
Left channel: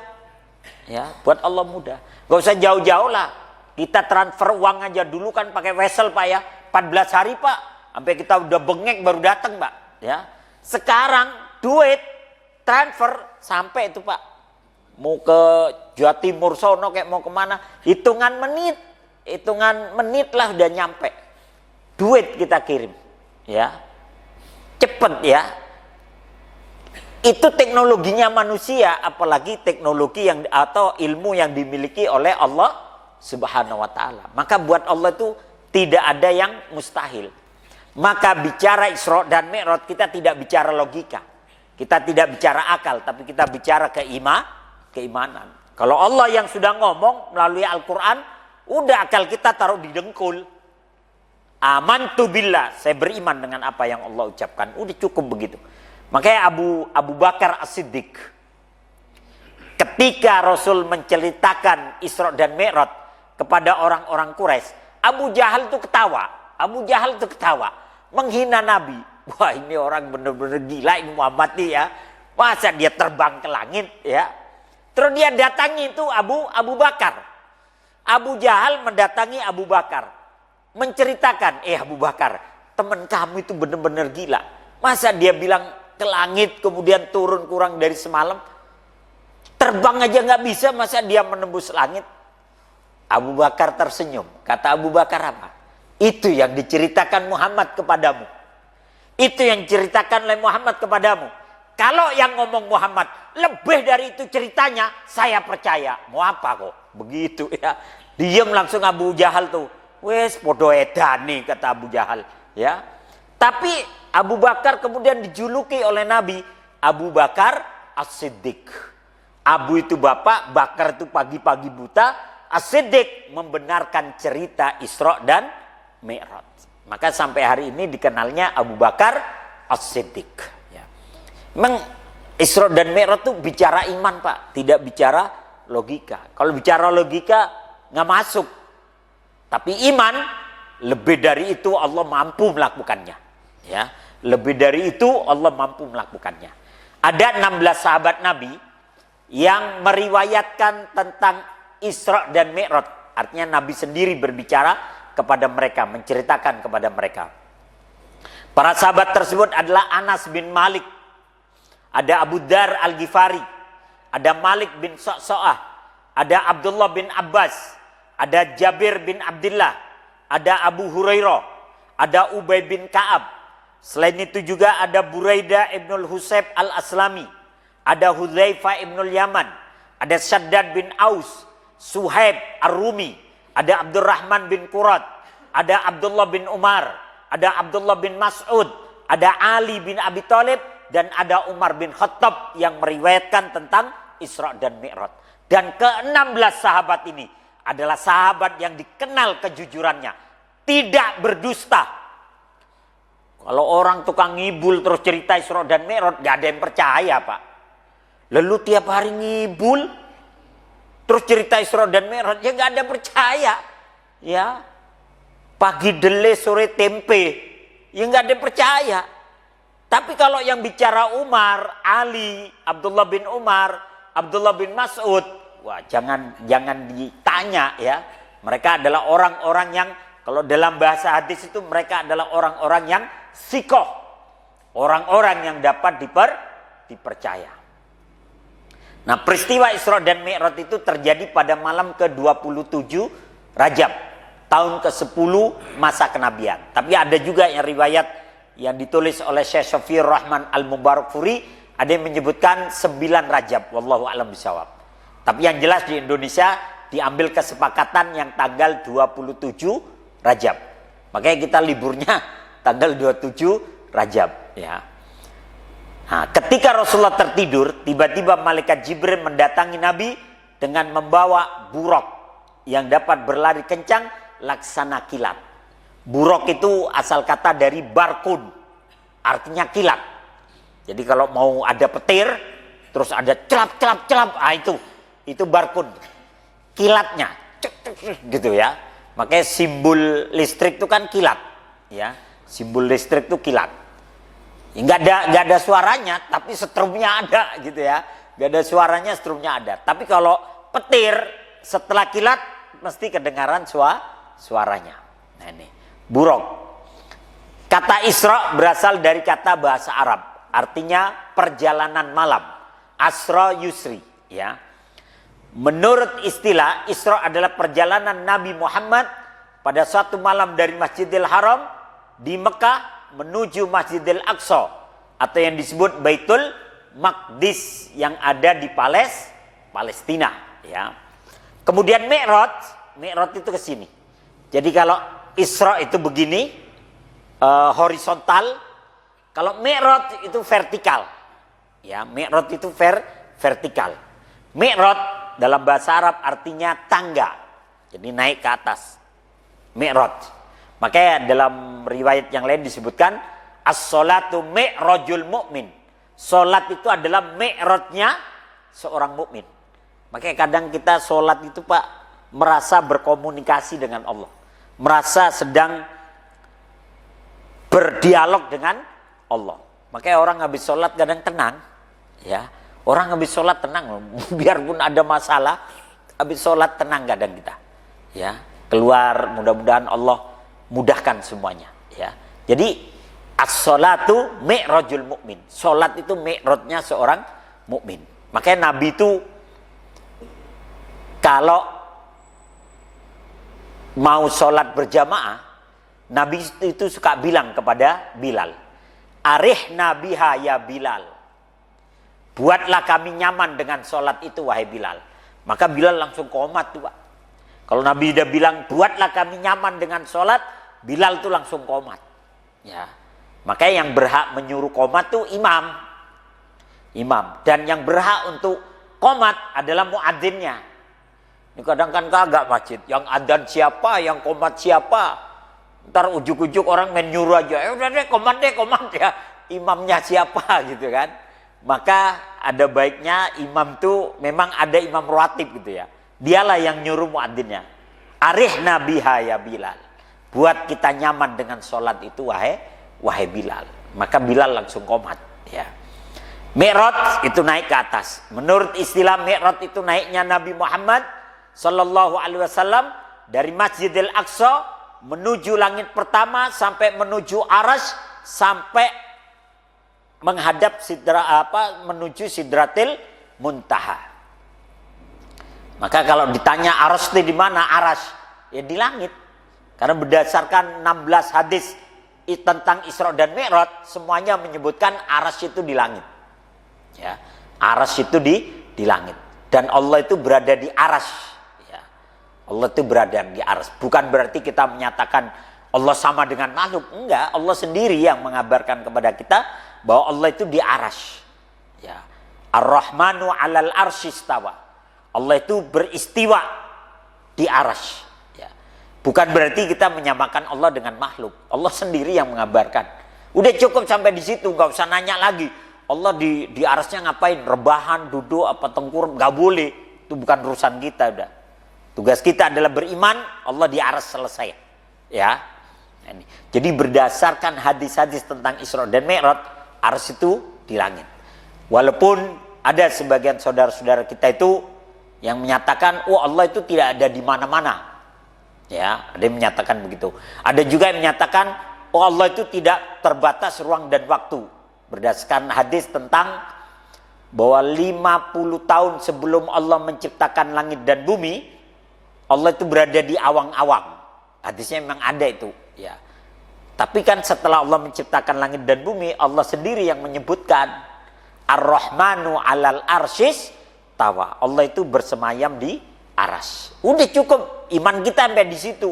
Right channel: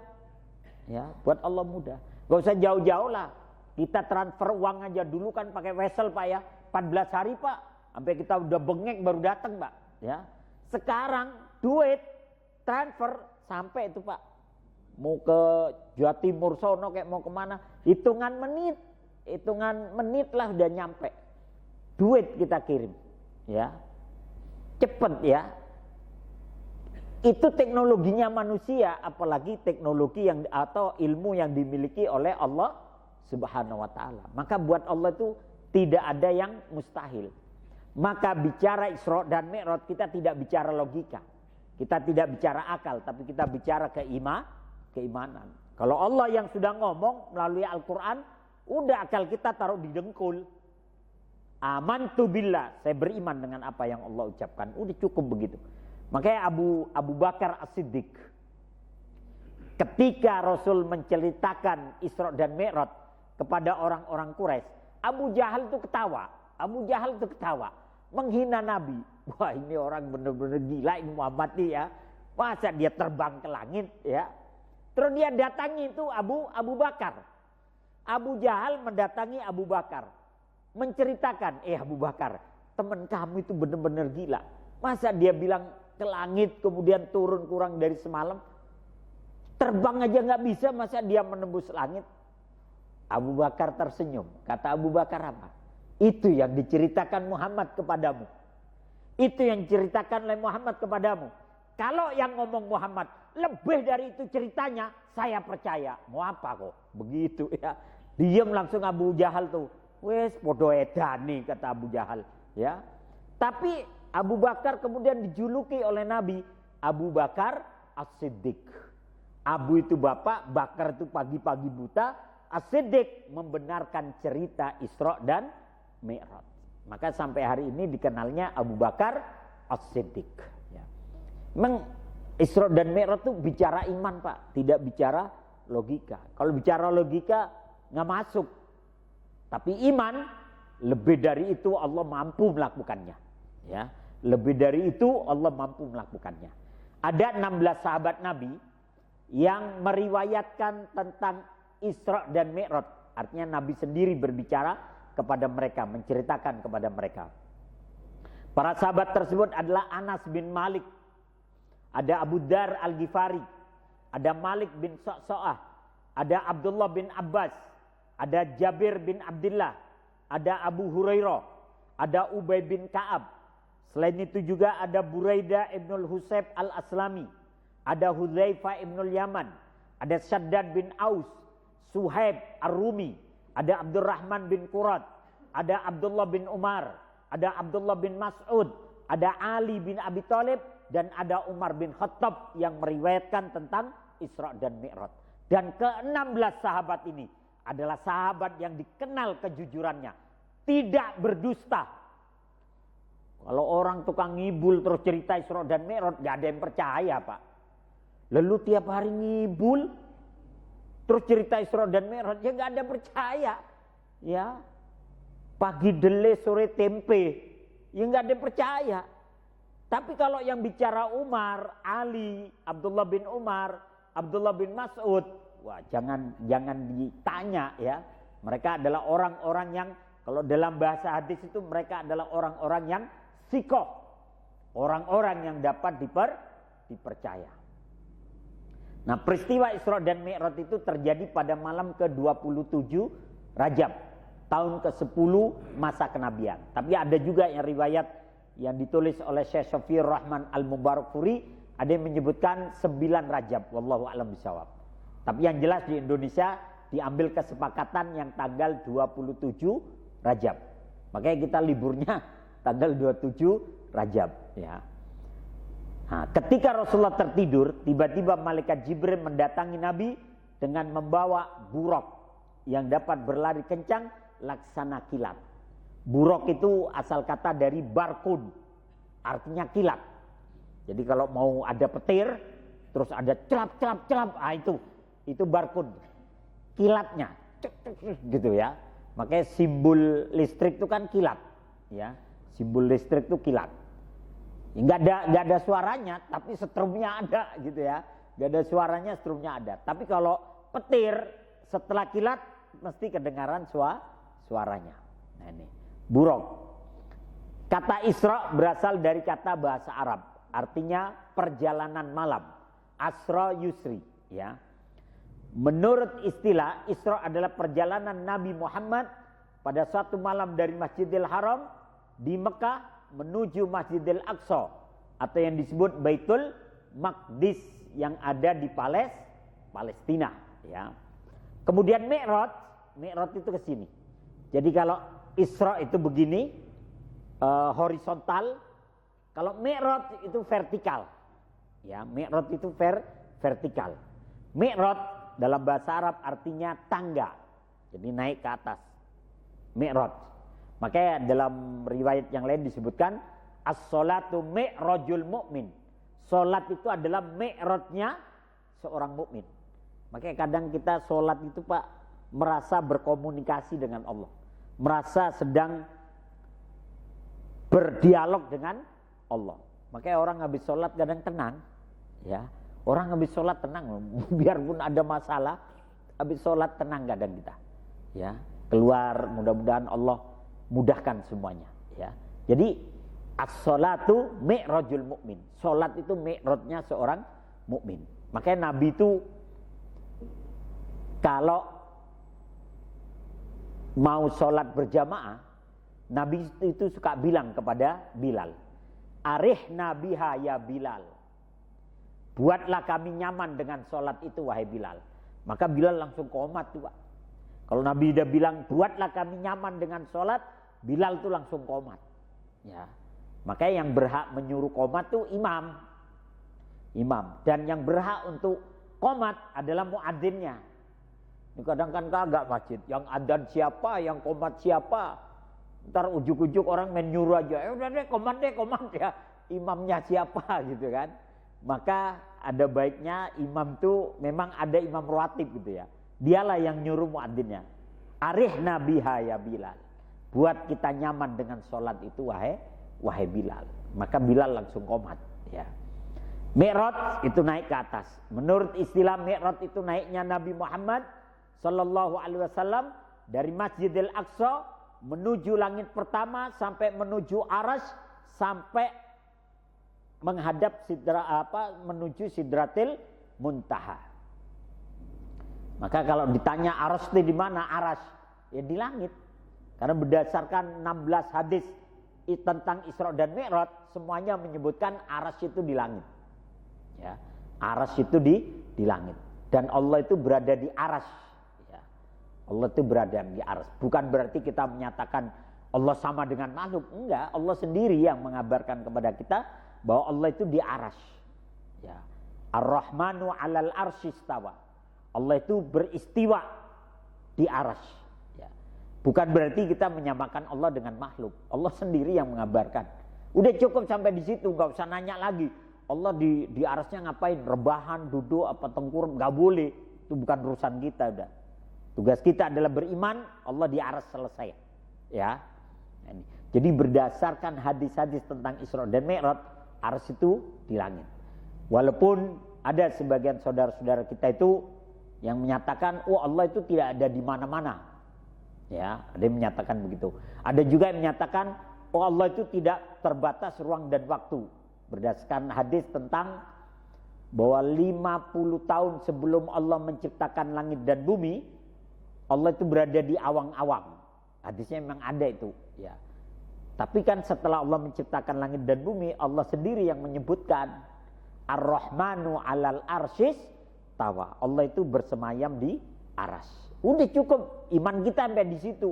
Ya, buat Allah mudah. Gak usah jauh-jauh lah. Kita transfer uang aja dulu kan pakai wesel Pak ya. 14 hari Pak. Sampai kita udah bengek baru datang Pak. Ya. Sekarang duit transfer sampai itu Pak. Mau ke Jawa Timur sono kayak mau kemana. Hitungan menit lah udah nyampe. Duit kita kirim. Ya. Cepet ya. Itu teknologinya manusia, apalagi teknologi yang atau ilmu yang dimiliki oleh Allah Subhanahu wa taala. Maka buat Allah itu tidak ada yang mustahil. Maka bicara Isra dan Mi'raj kita tidak bicara logika. Kita tidak bicara akal, tapi kita bicara keimanan. Kalau Allah yang sudah ngomong melalui Al-Qur'an, udah akal kita taruh di dengkul. Amantu billah, saya beriman dengan apa yang Allah ucapkan. Udah cukup begitu. Makanya Abu Bakar As-Siddiq ketika Rasul menceritakan Isra dan Mi'raj kepada orang-orang Quraisy, Abu Jahal itu ketawa. Menghina Nabi. Wah, ini orang benar-benar gila ini Muhammad nih ya. Masa dia terbang ke langit ya. Terus dia datangi itu Abu Bakar. Abu Jahal mendatangi Abu Bakar. Menceritakan, Abu Bakar, teman kamu itu benar-benar gila. Masa dia bilang ke langit kemudian turun kurang dari semalam, terbang aja nggak bisa, masa dia menembus langit? Abu Bakar tersenyum. Kata Abu Bakar apa? Itu yang diceritakan Muhammad kepadamu. Itu yang diceritakan oleh Muhammad kepadamu. Kalau yang ngomong Muhammad, lebih dari itu ceritanya, saya percaya. Mau apa kok? Begitu ya. Diam langsung Abu Jahal tuh. Wes podo edani kata Abu Jahal. Ya. Tapi Abu Bakar kemudian dijuluki oleh Nabi Abu Bakar As-Siddiq. Abu itu bapak, Bakar itu pagi-pagi buta, As-Siddiq membenarkan cerita Isra dan Mi'raj. Maka sampai hari ini dikenalnya Abu Bakar As-Siddiq. Ya. Memang Isra dan Mi'raj itu bicara iman Pak, tidak bicara logika. Kalau bicara logika nggak masuk. Tapi iman lebih dari itu Allah mampu melakukannya. Ya, lebih dari itu Allah mampu melakukannya. Ada 16 sahabat Nabi yang meriwayatkan tentang Isra dan Mi'raj. Artinya Nabi sendiri berbicara kepada mereka, menceritakan kepada mereka. Para sahabat tersebut adalah Anas bin Malik, ada Abu Dar Al-Ghifari, ada Malik bin Sa'sa'ah, ada Abdullah bin Abbas, ada Jabir bin Abdullah, ada Abu Hurairah, ada Ubay bin Ka'ab. Selain itu juga ada Buraidah ibnul Husayb al-Aslami, ada Hudzaifah ibnul Yaman, ada Shaddad bin Aus, Suhaib ar-Rumi, ada Abdurrahman bin Qurat, ada Abdullah bin Umar, ada Abdullah bin Mas'ud, ada Ali bin Abi Thalib, dan ada Umar bin Khattab yang meriwayatkan tentang Isra dan Mi'raj. Dan ke-16 sahabat ini adalah sahabat yang dikenal kejujurannya, tidak berdusta. Kalau orang tukang ngibul terus cerita Isra dan Mi'raj, gak ada yang percaya Pak. Lalu tiap hari ngibul terus cerita Isra dan Mi'raj, ya gak ada percaya. Ya, pagi dele sore tempe, ya gak ada percaya. Tapi kalau yang bicara Umar, Ali, Abdullah bin Umar, Abdullah bin Mas'ud, wah jangan ditanya ya. Mereka adalah orang-orang yang, kalau dalam bahasa hadis itu mereka adalah orang-orang yang sikoh, orang-orang yang dapat dipercaya. Nah, peristiwa Isra dan Mi'raj itu terjadi pada malam ke-27 Rajab, tahun ke-10 masa kenabian. Tapi ada juga yang riwayat yang ditulis oleh Syekh Syafiur Rahman Al-Mubarakfuri, ada yang menyebutkan 9 Rajab, wallahu a'lam bishawab. Tapi yang jelas di Indonesia diambil kesepakatan yang tanggal 27 Rajab. Makanya kita liburnya tanggal 27 Rajab ya. Nah, ketika Rasulullah tertidur, tiba-tiba malaikat Jibril mendatangi Nabi dengan membawa buraq yang dapat berlari kencang laksana kilat. Buraq itu asal kata dari barkun, artinya kilat. Jadi kalau mau ada petir, terus ada celap, itu barkun, kilatnya, gitu ya. Makanya simbol listrik itu kan kilat, ya. Simbol listrik itu kilat. Nggak ada suaranya, tapi setrumnya ada, gitu ya. Nggak ada suaranya, setrumnya ada. Tapi kalau petir setelah kilat mesti kedengaran suaranya. Nah ini buraq. Kata Isra berasal dari kata bahasa Arab, artinya perjalanan malam. Asra yusri, ya. Menurut istilah, Isra adalah perjalanan Nabi Muhammad pada suatu malam dari Masjidil Haram di Mekah menuju Masjidil Aqsa atau yang disebut Baitul Maqdis yang ada di Palestina, ya. Kemudian Mi'raj itu ke sini. Jadi kalau Isra itu begini, horizontal. Kalau Mi'raj itu vertikal. Ya, Mi'raj itu vertikal. Mi'raj dalam bahasa Arab artinya tangga. Jadi naik ke atas. Mi'raj. Makanya dalam riwayat yang lain disebutkan as-sholatu mi'rajul mu'min. Sholat itu adalah mi'rajnya seorang mukmin. Makanya kadang kita sholat itu Pak merasa berkomunikasi dengan Allah. Merasa sedang berdialog dengan Allah. Makanya orang habis sholat kadang tenang. Ya, orang habis sholat tenang. Biarpun ada masalah, habis sholat tenang kadang kita. Ya, keluar mudah-mudahan Allah mudahkan semuanya, ya. Jadi as-sholatu mi'rajul mukmin. Salat itu mi'rajnya seorang mukmin. Makanya Nabi itu kalau mau sholat berjamaah, Nabi itu suka bilang kepada Bilal, "Arihna biha ya Bilal." buatlah kami nyaman dengan sholat itu wahai Bilal. Maka Bilal langsung qomat tuh Pak. Kalau Nabi udah bilang buatlah kami nyaman dengan sholat, Bilal tuh langsung qomat. Ya. Makanya yang berhak menyuruh qomat tuh imam. Dan yang berhak untuk qomat adalah muadzinnya. Ini kadang kan kagak masjid. Yang adzan siapa, yang qomat siapa. Ntar ujuk-ujuk orang main nyuruh aja. Udah deh qomat ya. Imamnya siapa gitu kan. Maka ada baiknya imam tuh memang ada imam rawatib gitu ya. Dialah yang nyuruh muadzinnya. Arihna biha ya Bilal. Buat kita nyaman dengan sholat itu wahai Bilal. Maka Bilal langsung qomat ya. Mi'raj itu naik ke atas. Menurut istilah Mi'raj itu naiknya Nabi Muhammad sallallahu alaihi wasallam dari Masjidil Aqsa menuju langit pertama sampai menuju Arasy sampai menghadap menuju Sidratil Muntaha. Maka kalau ditanya Arasy di mana? Arasy ya di langit. Karena berdasarkan 16 hadis tentang Isra dan Mi'raj semuanya menyebutkan Arasy itu di langit. Ya, Arasy itu di langit dan Allah itu berada di Arasy. Allah itu berada di Arasy. Bukan berarti kita menyatakan Allah sama dengan makhluk. Enggak, Allah sendiri yang mengabarkan kepada kita bahwa Allah itu di Arasy. Ya. Ar-Rahmanu 'alal arsy istawa. Allah itu beristiwa di Arasy. Ya. Bukan berarti kita menyamakan Allah dengan makhluk. Allah sendiri yang mengabarkan. Udah cukup sampai di situ, enggak usah nanya lagi. Allah di Arasy-nya ngapain? Rebahan, duduk, apa tengkurap? Enggak boleh. Itu bukan urusan kita udah. Tugas kita adalah beriman, Allah di Arasy selesai. Ya. Jadi berdasarkan hadis-hadis tentang Isra dan Mi'raj, Arasy itu di langit. Walaupun ada sebagian saudara-saudara kita itu yang menyatakan, oh Allah itu tidak ada di mana-mana. Ya, ada yang menyatakan begitu. Ada juga yang menyatakan, oh Allah itu tidak terbatas ruang dan waktu. Berdasarkan hadis tentang bahwa 50 tahun sebelum Allah menciptakan langit dan bumi, Allah itu berada di awang-awang. Hadisnya memang ada itu. Ya. Tapi kan setelah Allah menciptakan langit dan bumi, Allah sendiri yang menyebutkan Ar-Rahmanu 'alal arsyis tawa. Allah itu bersemayam di Arasy. Udah cukup iman kita sampai di situ.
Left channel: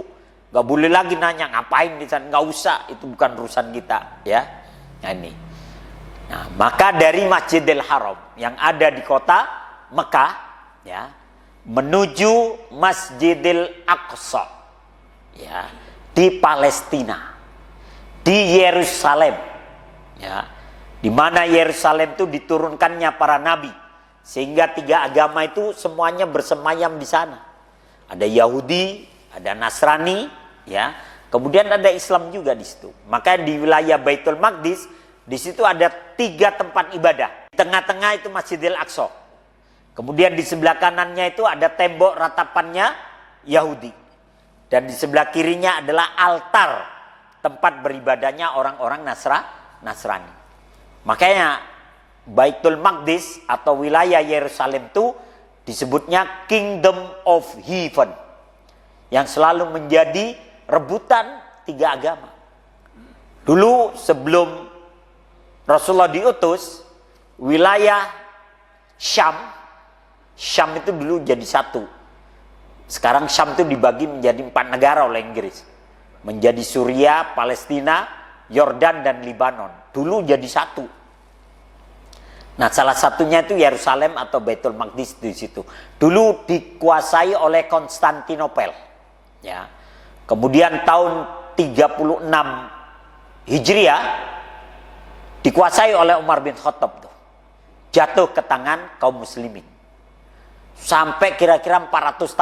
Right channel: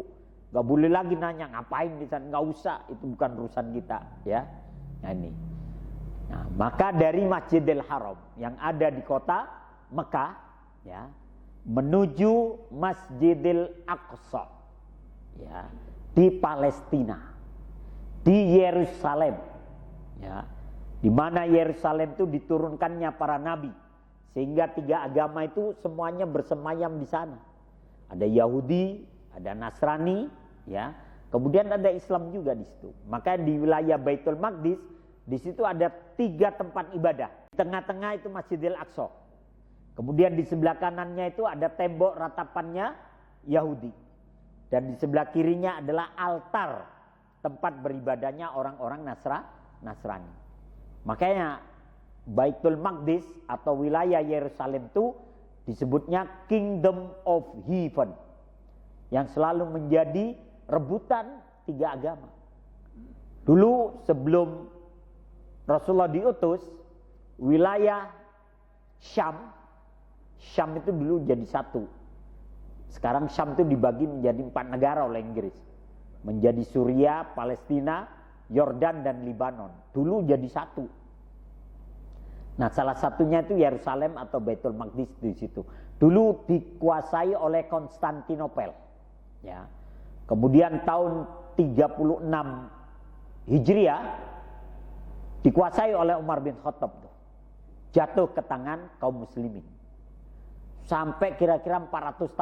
Gak boleh lagi nanya ngapain di sana. Gak usah, itu bukan urusan kita. Ya. Nah ini. Nah, maka dari Masjidil Haram yang ada di kota Mekah, ya, menuju Masjidil Aqsa, ya, di Palestina, di Yerusalem, ya, di mana Yerusalem itu diturunkannya para nabi, sehingga 3 agama itu semuanya bersemayam di sana. Ada Yahudi, ada Nasrani, ya, kemudian ada Islam juga di situ. Maka di wilayah Baitul Maqdis di situ ada 3 tempat ibadah. Di tengah-tengah itu Masjidil Aqsa. Kemudian di sebelah kanannya itu ada tembok ratapannya Yahudi. Dan di sebelah kirinya adalah altar tempat beribadahnya orang-orang Nasrani. Makanya Baitul Maqdis atau wilayah Yerusalem itu disebutnya Kingdom of Heaven. Yang selalu menjadi rebutan 3 agama. Dulu sebelum Rasulullah diutus, wilayah Syam itu dulu jadi 1. Sekarang Syam itu dibagi menjadi 4 negara oleh Inggris. Menjadi Suriah, Palestina, Yordan dan Libanon. Dulu jadi 1. Nah, salah satunya itu Yerusalem atau Baitul Maqdis di situ. Dulu dikuasai oleh Konstantinopel. Ya. Kemudian tahun 36 Hijriah dikuasai oleh Umar bin Khattab tuh. Jatuh ke tangan kaum muslimin. Sampai kira-kira 400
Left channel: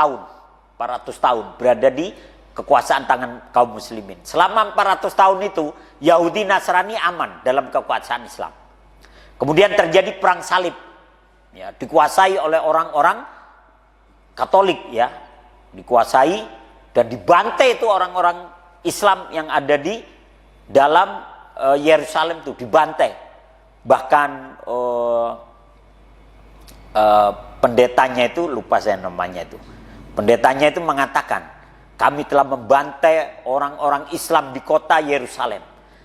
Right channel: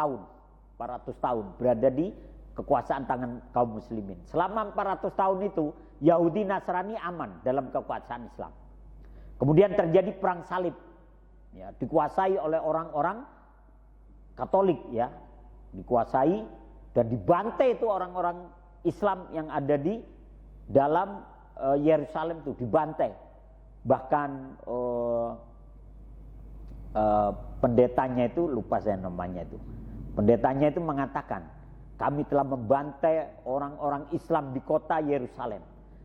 tahun berada di kekuasaan tangan kaum muslimin. Selama 400 tahun itu Yahudi Nasrani aman dalam kekuasaan Islam. Kemudian terjadi perang salib. Ya, dikuasai oleh orang-orang Katolik, ya. Dikuasai dan dibantai itu orang-orang Islam yang ada di dalam Yerusalem itu dibantai. Bahkan pendetanya itu, lupa saya namanya itu. Pendetanya itu mengatakan, kami telah membantai orang-orang Islam di kota Yerusalem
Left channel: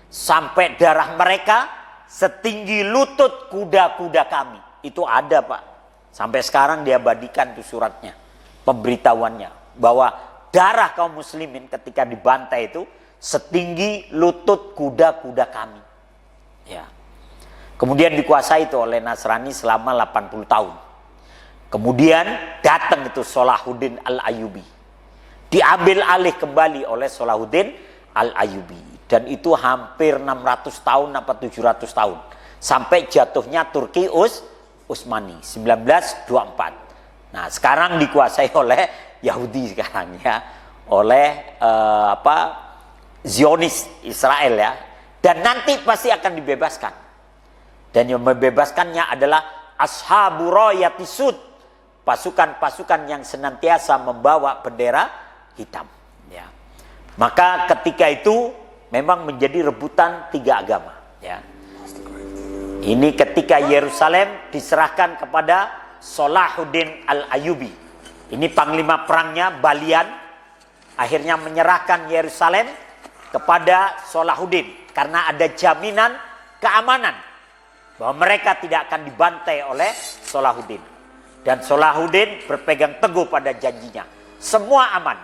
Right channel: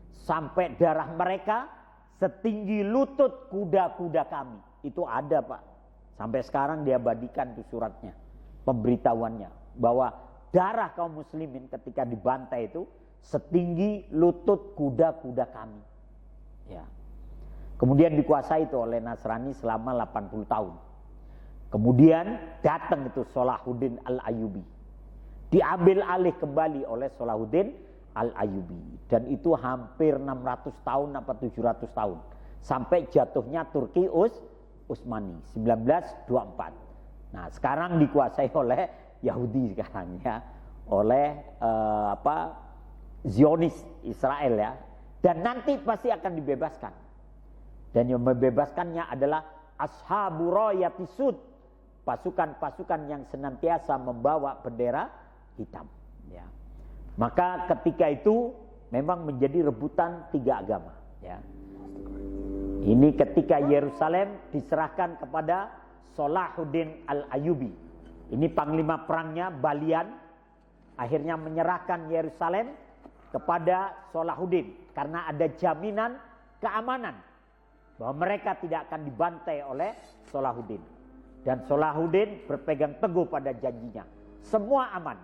sampai darah mereka setinggi lutut kuda-kuda kami. itu ada Pak. Sampai sekarang diabadikan tuh suratnya, pemberitahuannya bahwa darah kaum muslimin ketika dibantai itu setinggi lutut kuda-kuda kami. Ya. Kemudian dikuasai itu oleh Nasrani selama 80 tahun. Kemudian datang itu Salahuddin Al-Ayyubi. Diambil alih kembali oleh Salahuddin Al-Ayyubi. Dan itu hampir 600 tahun apa 700 tahun. Sampai jatuhnya Turki Utsmani 1924. Nah, sekarang dikuasai oleh Yahudi sekarang ya. Oleh Zionis Israel ya. Dan nanti pasti akan dibebaskan. Dan yang membebaskannya adalah Ashabu Rayati Sud, pasukan-pasukan yang senantiasa membawa bendera hitam. Ya. Maka ketika itu memang menjadi rebutan tiga agama. Ya. Ini ketika Yerusalem diserahkan kepada Salahuddin Al-Ayyubi. Ini panglima perangnya Balian akhirnya menyerahkan Yerusalem kepada Salahuddin karena ada jaminan keamanan bahwa mereka tidak akan dibantai oleh Salahuddin. Dan Salahuddin berpegang teguh pada janjinya. Semua aman.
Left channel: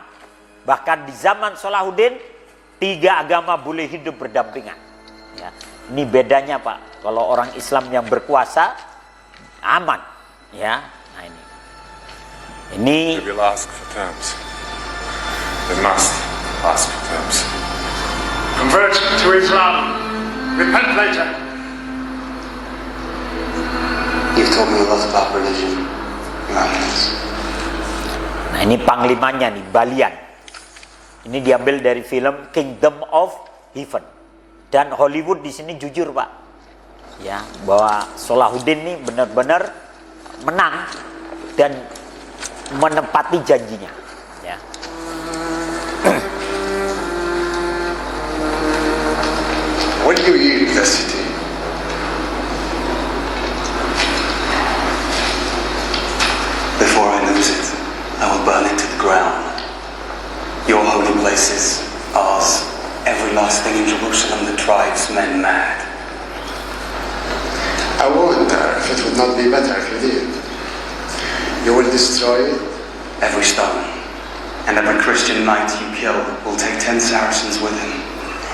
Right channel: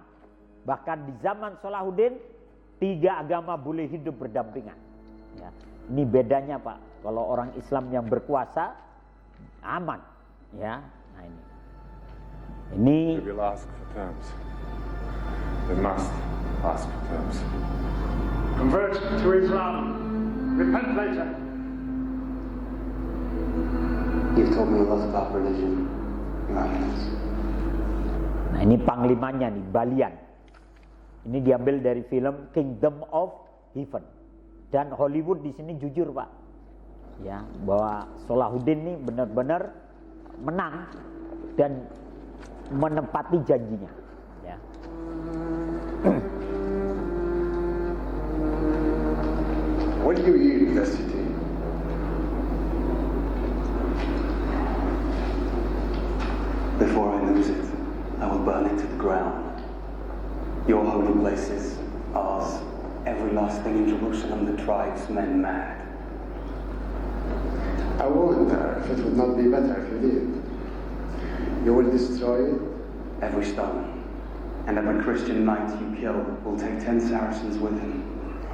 Bahkan di zaman Salahuddin, tiga agama boleh hidup berdampingan. Ya. Ini bedanya Pak. Kalau orang Islam yang berkuasa, aman. Ya. Nah ini. They will ask for terms. They must ask for terms. Convert to Islam. Repent later. You've told me a lot about religion, Your Eminence. Nah ini panglimanya nih, Balian. Ini diambil dari film Kingdom of Heaven. Dan Hollywood di sini jujur Pak, ya bahwa Salahuddin ini benar-benar menang dan menepati janjinya. Ya. When you yield the city, before I lose it, I will burn it to the ground. Your holy places, ours, every last thing in Jerusalem that drives men mad. I wonder if it would not be better if you did. You will destroy it. Every stone, and every Christian knight you kill will take 10 Saracens with him.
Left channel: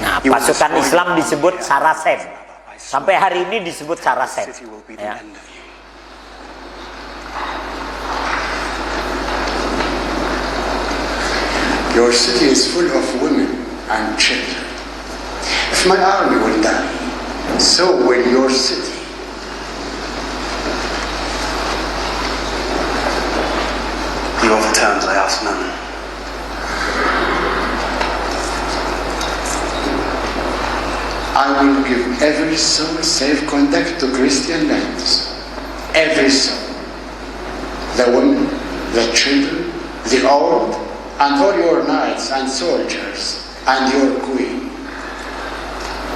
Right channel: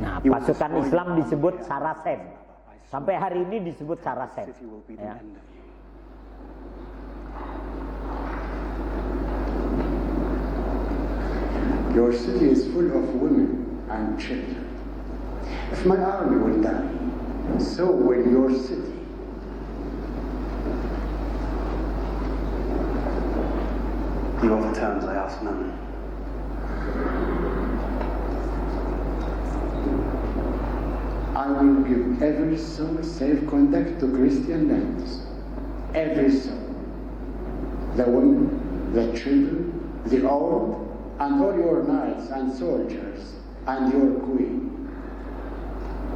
Nah, pasukan Islam disebut Saracen. Sampai hari ini disebut Saracen. Ya. Your city is full of women and children. If my army will die, so will your city. You offer terms, I ask none. I will give every soul safe conduct to Christian lands. Every soul. The women, the children, the old, and all your knights and soldiers, and your queen.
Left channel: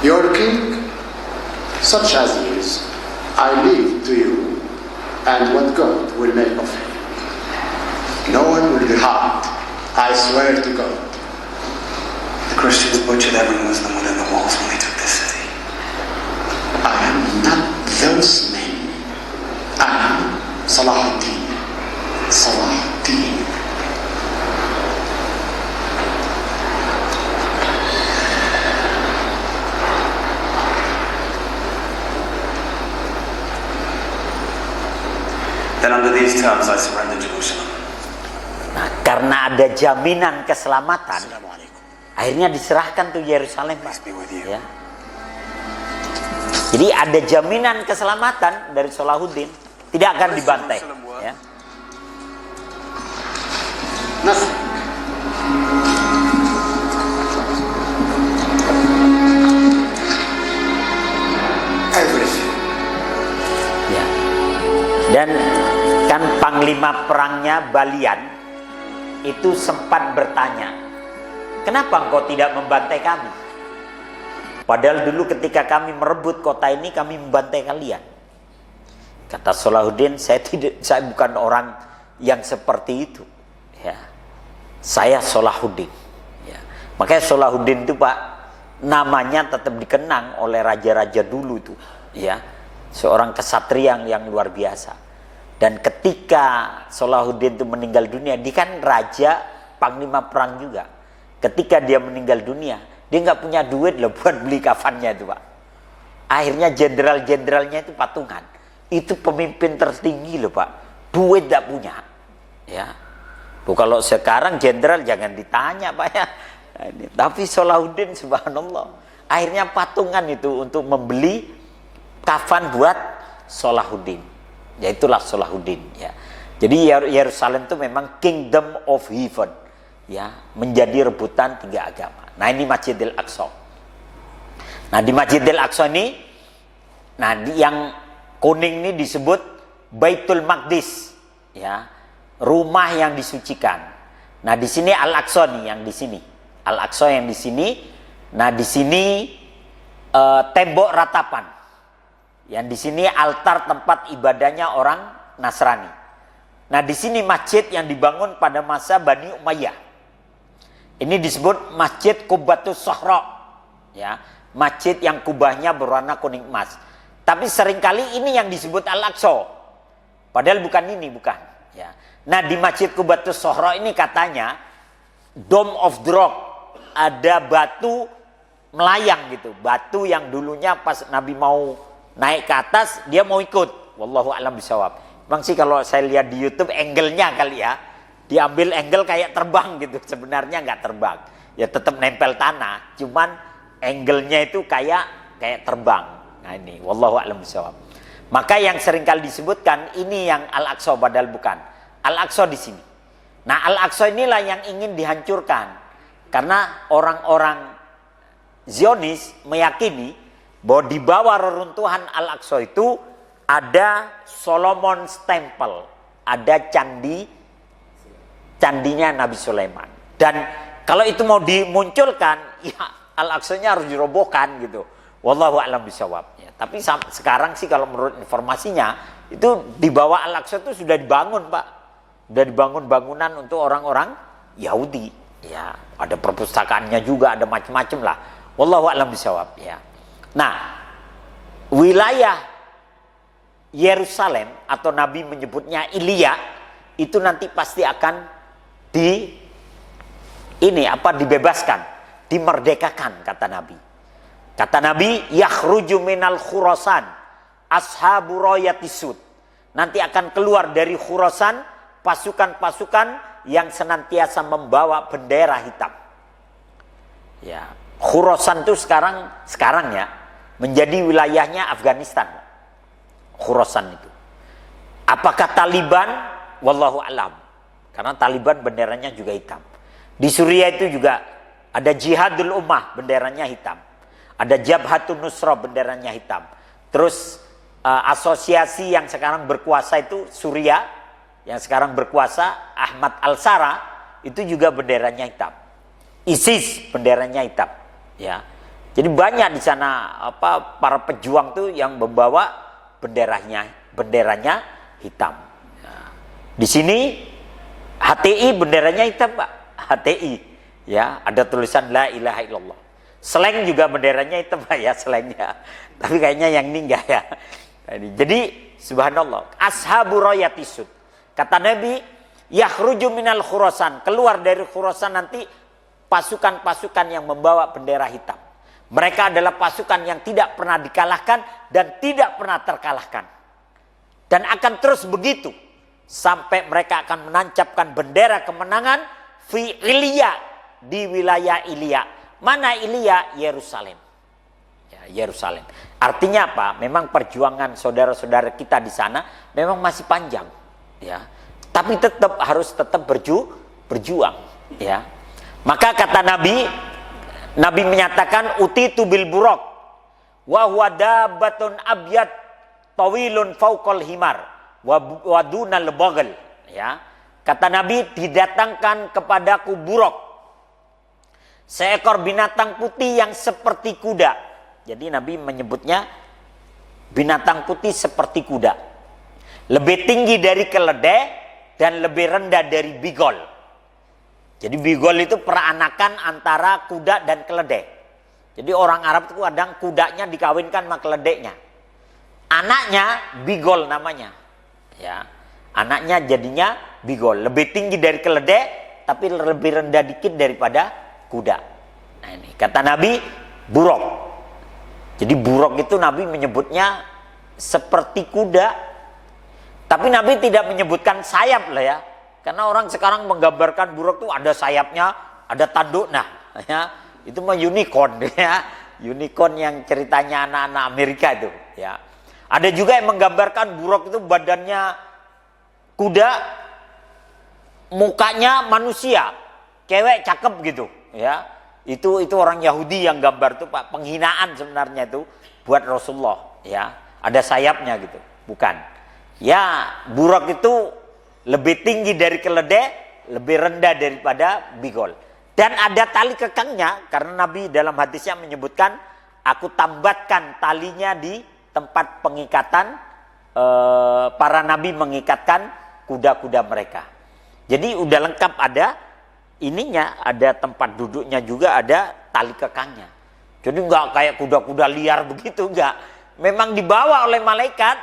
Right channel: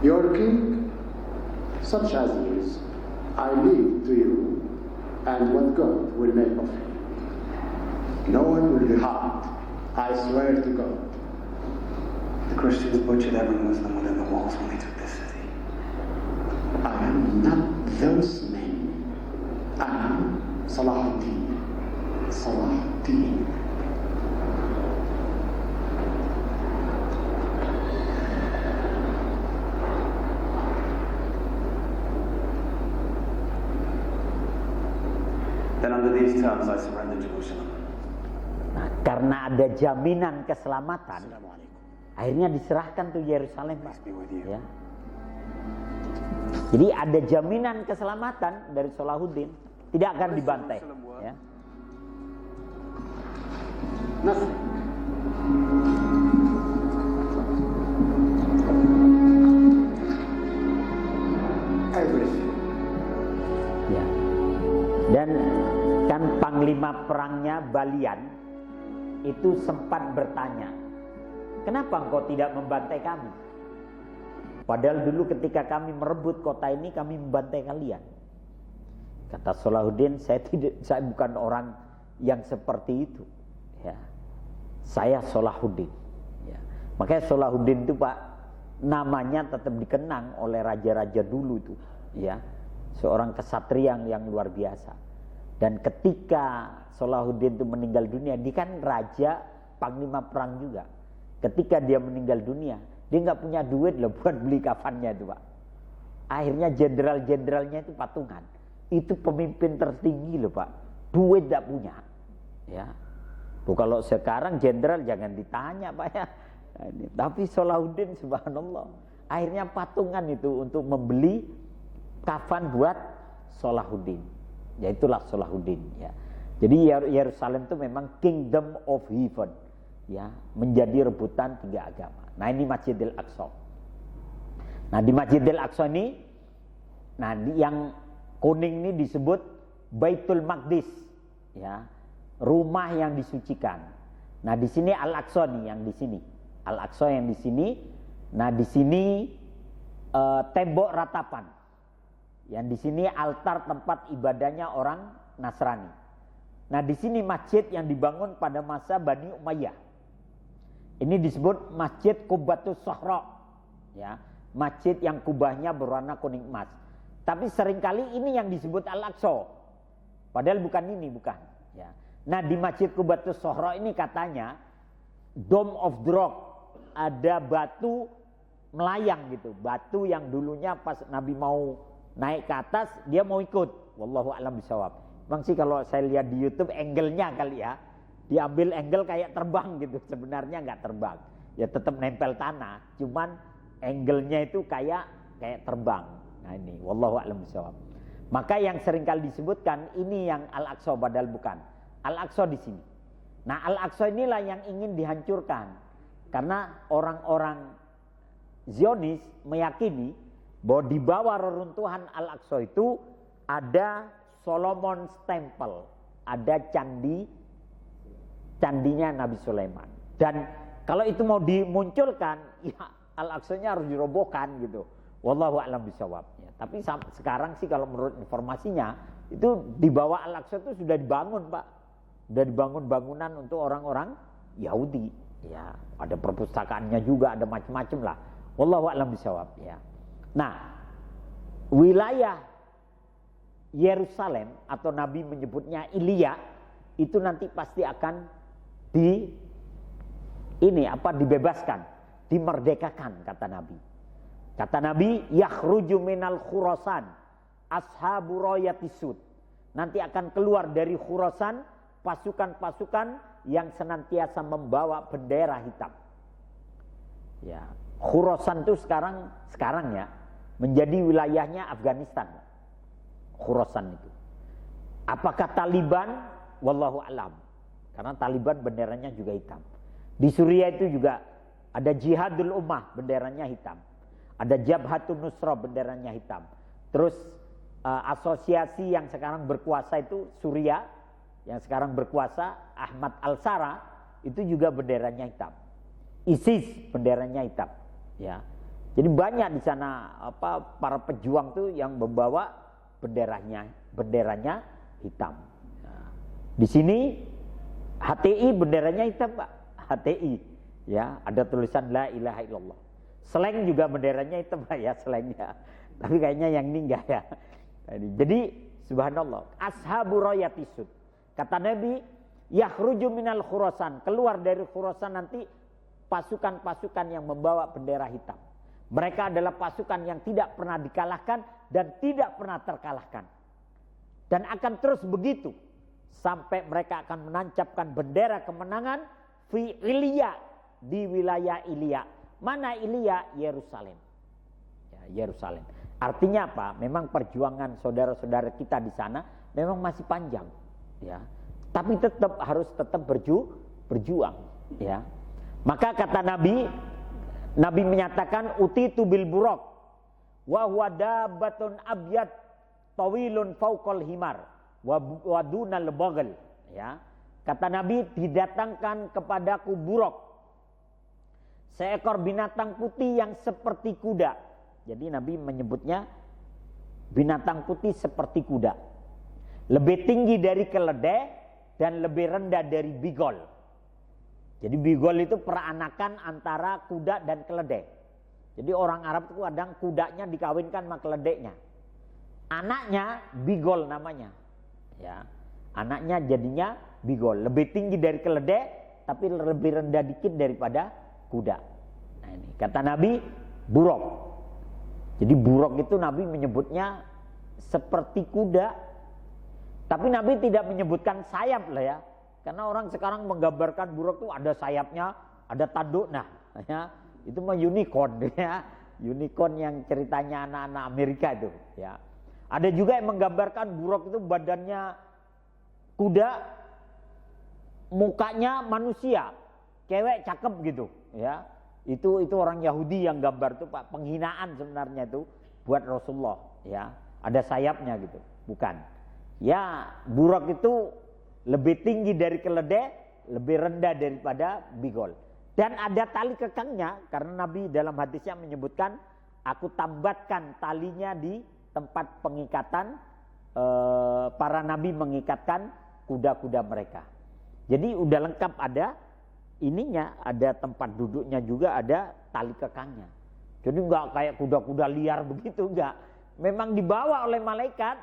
Your king, such as he is, I leave to you, and what God will make of him. No one will be harmed, I swear to God. The Christians butchered every Muslim within the walls when they took this city. I am not those men. I am Salahuddin. Salahuddin. Then under these terms I surrender Jerusalem. Nah, karena ada jaminan keselamatan, akhirnya diserahkan tuh Yerusalem Pak. Ya. Jadi ada jaminan keselamatan dari Salahuddin, tidak akan dibantai. Ya. Nothing. Everything. Ya. Dan kan panglima perangnya Balian itu sempat bertanya, kenapa engkau tidak membantai kami? Padahal dulu ketika kami merebut kota ini kami membantai kalian. Kata Salahuddin, saya bukan orang yang seperti itu. Ya. Saya Salahuddin. Ya. Makanya Salahuddin itu Pak, namanya tetap dikenang oleh raja-raja dulu itu. Ya. seorang kesatria yang luar biasa. Dan ketika Salahuddin itu meninggal dunia, dia kan raja panglima perang juga. Ketika dia meninggal dunia, dia nggak punya duit loh buat beli kafannya itu, Pak. Akhirnya jenderal-jenderalnya itu patungan. Itu pemimpin tertinggi loh, Pak. Duit nggak punya. Ya. Tuh, kalau sekarang jenderal jangan ditanya, Pak ya. Tapi Salahuddin subhanallah, akhirnya patungan itu untuk membeli kafan buat Salahuddin. Yaitulah Salahuddin ya. Jadi Yerusalem itu memang kingdom of heaven ya, menjadi rebutan 3 agama. Nah, ini Masjidil Aqsa. Nah, di Masjidil Aqsa ini, nah yang kuning ini disebut Baitul Maqdis ya, rumah yang disucikan. Nah, di sini Al-Aqsa nih yang di sini. Al-Aqsa yang di sini. Nah, di sini tembok ratapan. Yang di sini altar tempat ibadahnya orang Nasrani. Nah, di sini masjid yang dibangun pada masa Bani Umayyah. Ini disebut Masjid Qubbatus Shahra. Ya, masjid yang kubahnya berwarna kuning emas. Tapi seringkali ini yang disebut Al-Aqsa. Padahal bukan ini, bukan. Ya. Nah, di Masjid Qubbatus Shahra ini katanya Dome of the Rock, ada batu melayang gitu. Batu yang dulunya pas Nabi mau naik ke atas, dia mau ikut. Wallahu a'lam bishawab. Bang sih kalau saya lihat di YouTube angle-nya kali ya, diambil angle kayak terbang gitu. Sebenarnya nggak terbang. Ya tetap nempel tanah, cuman angle-nya itu kayak terbang. Nah ini, wallahu a'lam bishawab. Maka yang seringkali disebutkan ini yang Al-Aqsa, padahal bukan. Al-Aqsa di sini. Nah, Al-Aqsa inilah yang ingin dihancurkan. Karena orang-orang Zionis meyakini bahwa di bawah reruntuhan Al-Aqsa itu ada Solomon's Temple, ada candinya Nabi Sulaiman. Dan kalau itu mau dimunculkan, ya Al-Aqsa-nya harus dirobohkan gitu. Wallahu a'lam bishawab. Ya, tapi sekarang sih kalau menurut informasinya itu di bawah Al-Aqsa itu sudah dibangun, Pak. Sudah dibangun bangunan untuk orang-orang Yahudi. Ya, ada perpustakaannya juga, ada macam-macam lah. Wallahu a'lam bishawab. Ya. Nah, wilayah Yerusalem atau Nabi menyebutnya Ilya itu nanti pasti akan dibebaskan, dimerdekakan kata Nabi. Kata Nabi, yakhruju minal Khurasan ashabu rayatisud. Nanti akan keluar dari Khurasan pasukan-pasukan yang senantiasa membawa bendera hitam. Ya, Khurasan itu sekarang ya menjadi wilayahnya Afghanistan. Khurasan itu. Apakah Taliban? Wallahu alam. Karena Taliban benderanya juga hitam. Di Suriah itu juga ada Jihadul Ummah, benderanya hitam. Ada Jabhatun Nusra, benderanya hitam. Terus asosiasi yang sekarang berkuasa itu Suriah, yang sekarang berkuasa Ahmad Al-Sara, itu juga benderanya hitam. ISIS benderanya hitam. Ya. Jadi banyak di sana para pejuang tuh yang membawa benderanya hitam. Nah, di sini HTI benderanya hitam, Pak. HTI ya, ada tulisan la ilaha illallah. Slang juga benderanya hitam, Pak ya, slangnya. Tapi kayaknya yang ini enggak ya. Jadi subhanallah, ashabu rayatisud. Kata Nabi, yakhruju minal Khurasan, keluar dari Khurasan nanti pasukan-pasukan yang membawa bendera hitam. Mereka adalah pasukan yang tidak pernah dikalahkan dan tidak pernah terkalahkan. Dan akan terus begitu sampai mereka akan menancapkan bendera kemenangan fi Ilya, di wilayah Ilya. Mana Ilya? Yerusalem. Ya, Yerusalem. Artinya apa? Memang perjuangan saudara-saudara kita di sana memang masih panjang, ya. Tapi harus tetap berjuang, ya. Maka kata Nabi menyatakan utitu bil buraq wa huwa dabbatun abyad tawilun fauqal himar wa dunal bagal, ya. Kata Nabi, didatangkan kepadaku buraq, seekor binatang putih yang seperti kuda. Jadi Nabi menyebutnya binatang putih seperti kuda, lebih tinggi dari keledai dan lebih rendah dari bigol. Jadi bigol itu peranakan antara kuda dan keledai. Jadi orang Arab itu kadang kudanya dikawinkan sama keledainya. Anaknya Bigol namanya. Ya. Anaknya jadinya Bigol, lebih tinggi dari keledai tapi lebih rendah dikit daripada kuda. Nah ini kata Nabi buruk. Jadi buruk itu Nabi menyebutnya seperti kuda. Tapi Nabi tidak menyebutkan sayap lah ya. Karena orang sekarang menggambarkan buruk itu ada sayapnya, ada tanduk. Nah, ya, itu mah unicorn ya. Unicorn yang ceritanya anak-anak Amerika itu, ya. Ada juga yang menggambarkan buruk itu badannya kuda, mukanya manusia, cewek cakep gitu, ya. Itu orang Yahudi yang gambar itu, Pak, penghinaan sebenarnya itu buat Rasulullah, ya. Ada sayapnya gitu, bukan. Ya, buruk itu lebih tinggi dari keledai, lebih rendah daripada Bigol. Dan ada tali kekangnya, karena Nabi dalam hadisnya menyebutkan, aku tambatkan talinya di tempat pengikatan, para Nabi mengikatkan kuda-kuda mereka. Jadi udah lengkap, ada ininya, ada tempat duduknya juga, ada tali kekangnya. Jadi nggak kayak kuda-kuda liar begitu, enggak. Memang dibawa oleh malaikat,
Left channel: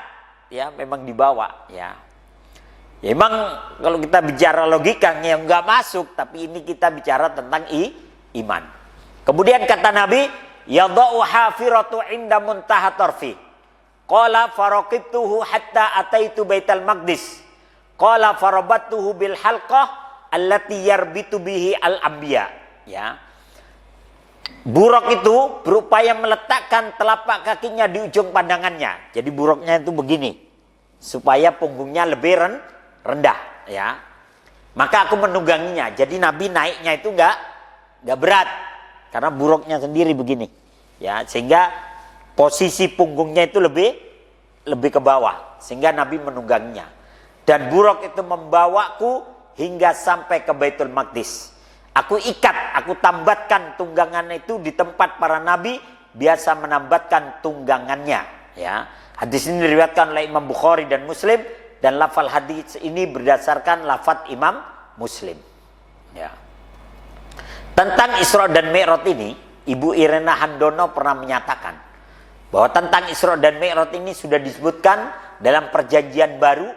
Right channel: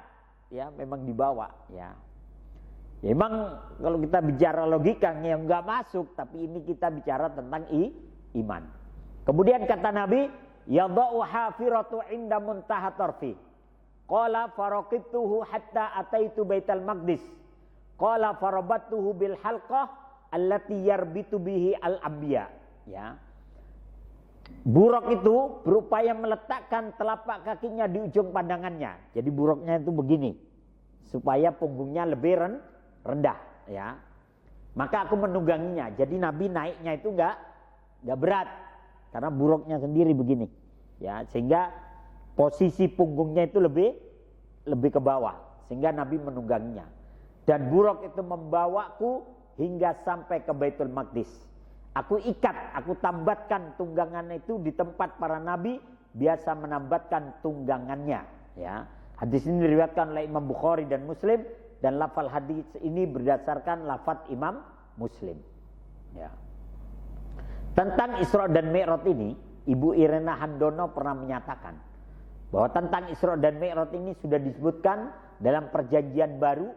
ya memang dibawa, ya. Ya emang kalau kita bicara logikanya yang nggak masuk, tapi ini kita bicara tentang iman. Kemudian kata Nabi, yadau hafiratu inda muntaha tarfi. Qala faraqibtuhu hatta ataitu Baitul Maqdis. Qala farabattuhu bil halqah allati yarbitu bihi al anbiya. Ya. Buruk itu berupaya meletakkan telapak kakinya di ujung pandangannya. Jadi buruknya itu begini, supaya punggungnya lebih rendah, ya. Maka aku menungganginya. Jadi Nabi naiknya itu enggak berat, karena buruknya sendiri begini, ya. Sehingga posisi punggungnya itu lebih ke bawah, sehingga Nabi menungganginya. Dan buruk itu membawaku hingga sampai ke Baitul Maqdis. Aku ikat, aku tambatkan tunggangan itu di tempat para Nabi biasa menambatkan tunggangannya, ya. Hadis ini diriwayatkan oleh Imam Bukhari dan Muslim. Dan lafal hadis ini berdasarkan lafaz Imam Muslim. Ya. Tentang Isra dan Mi'raj ini, Ibu Irena Handono pernah menyatakan bahwa tentang Isra dan Mi'raj ini sudah disebutkan dalam Perjanjian Baru,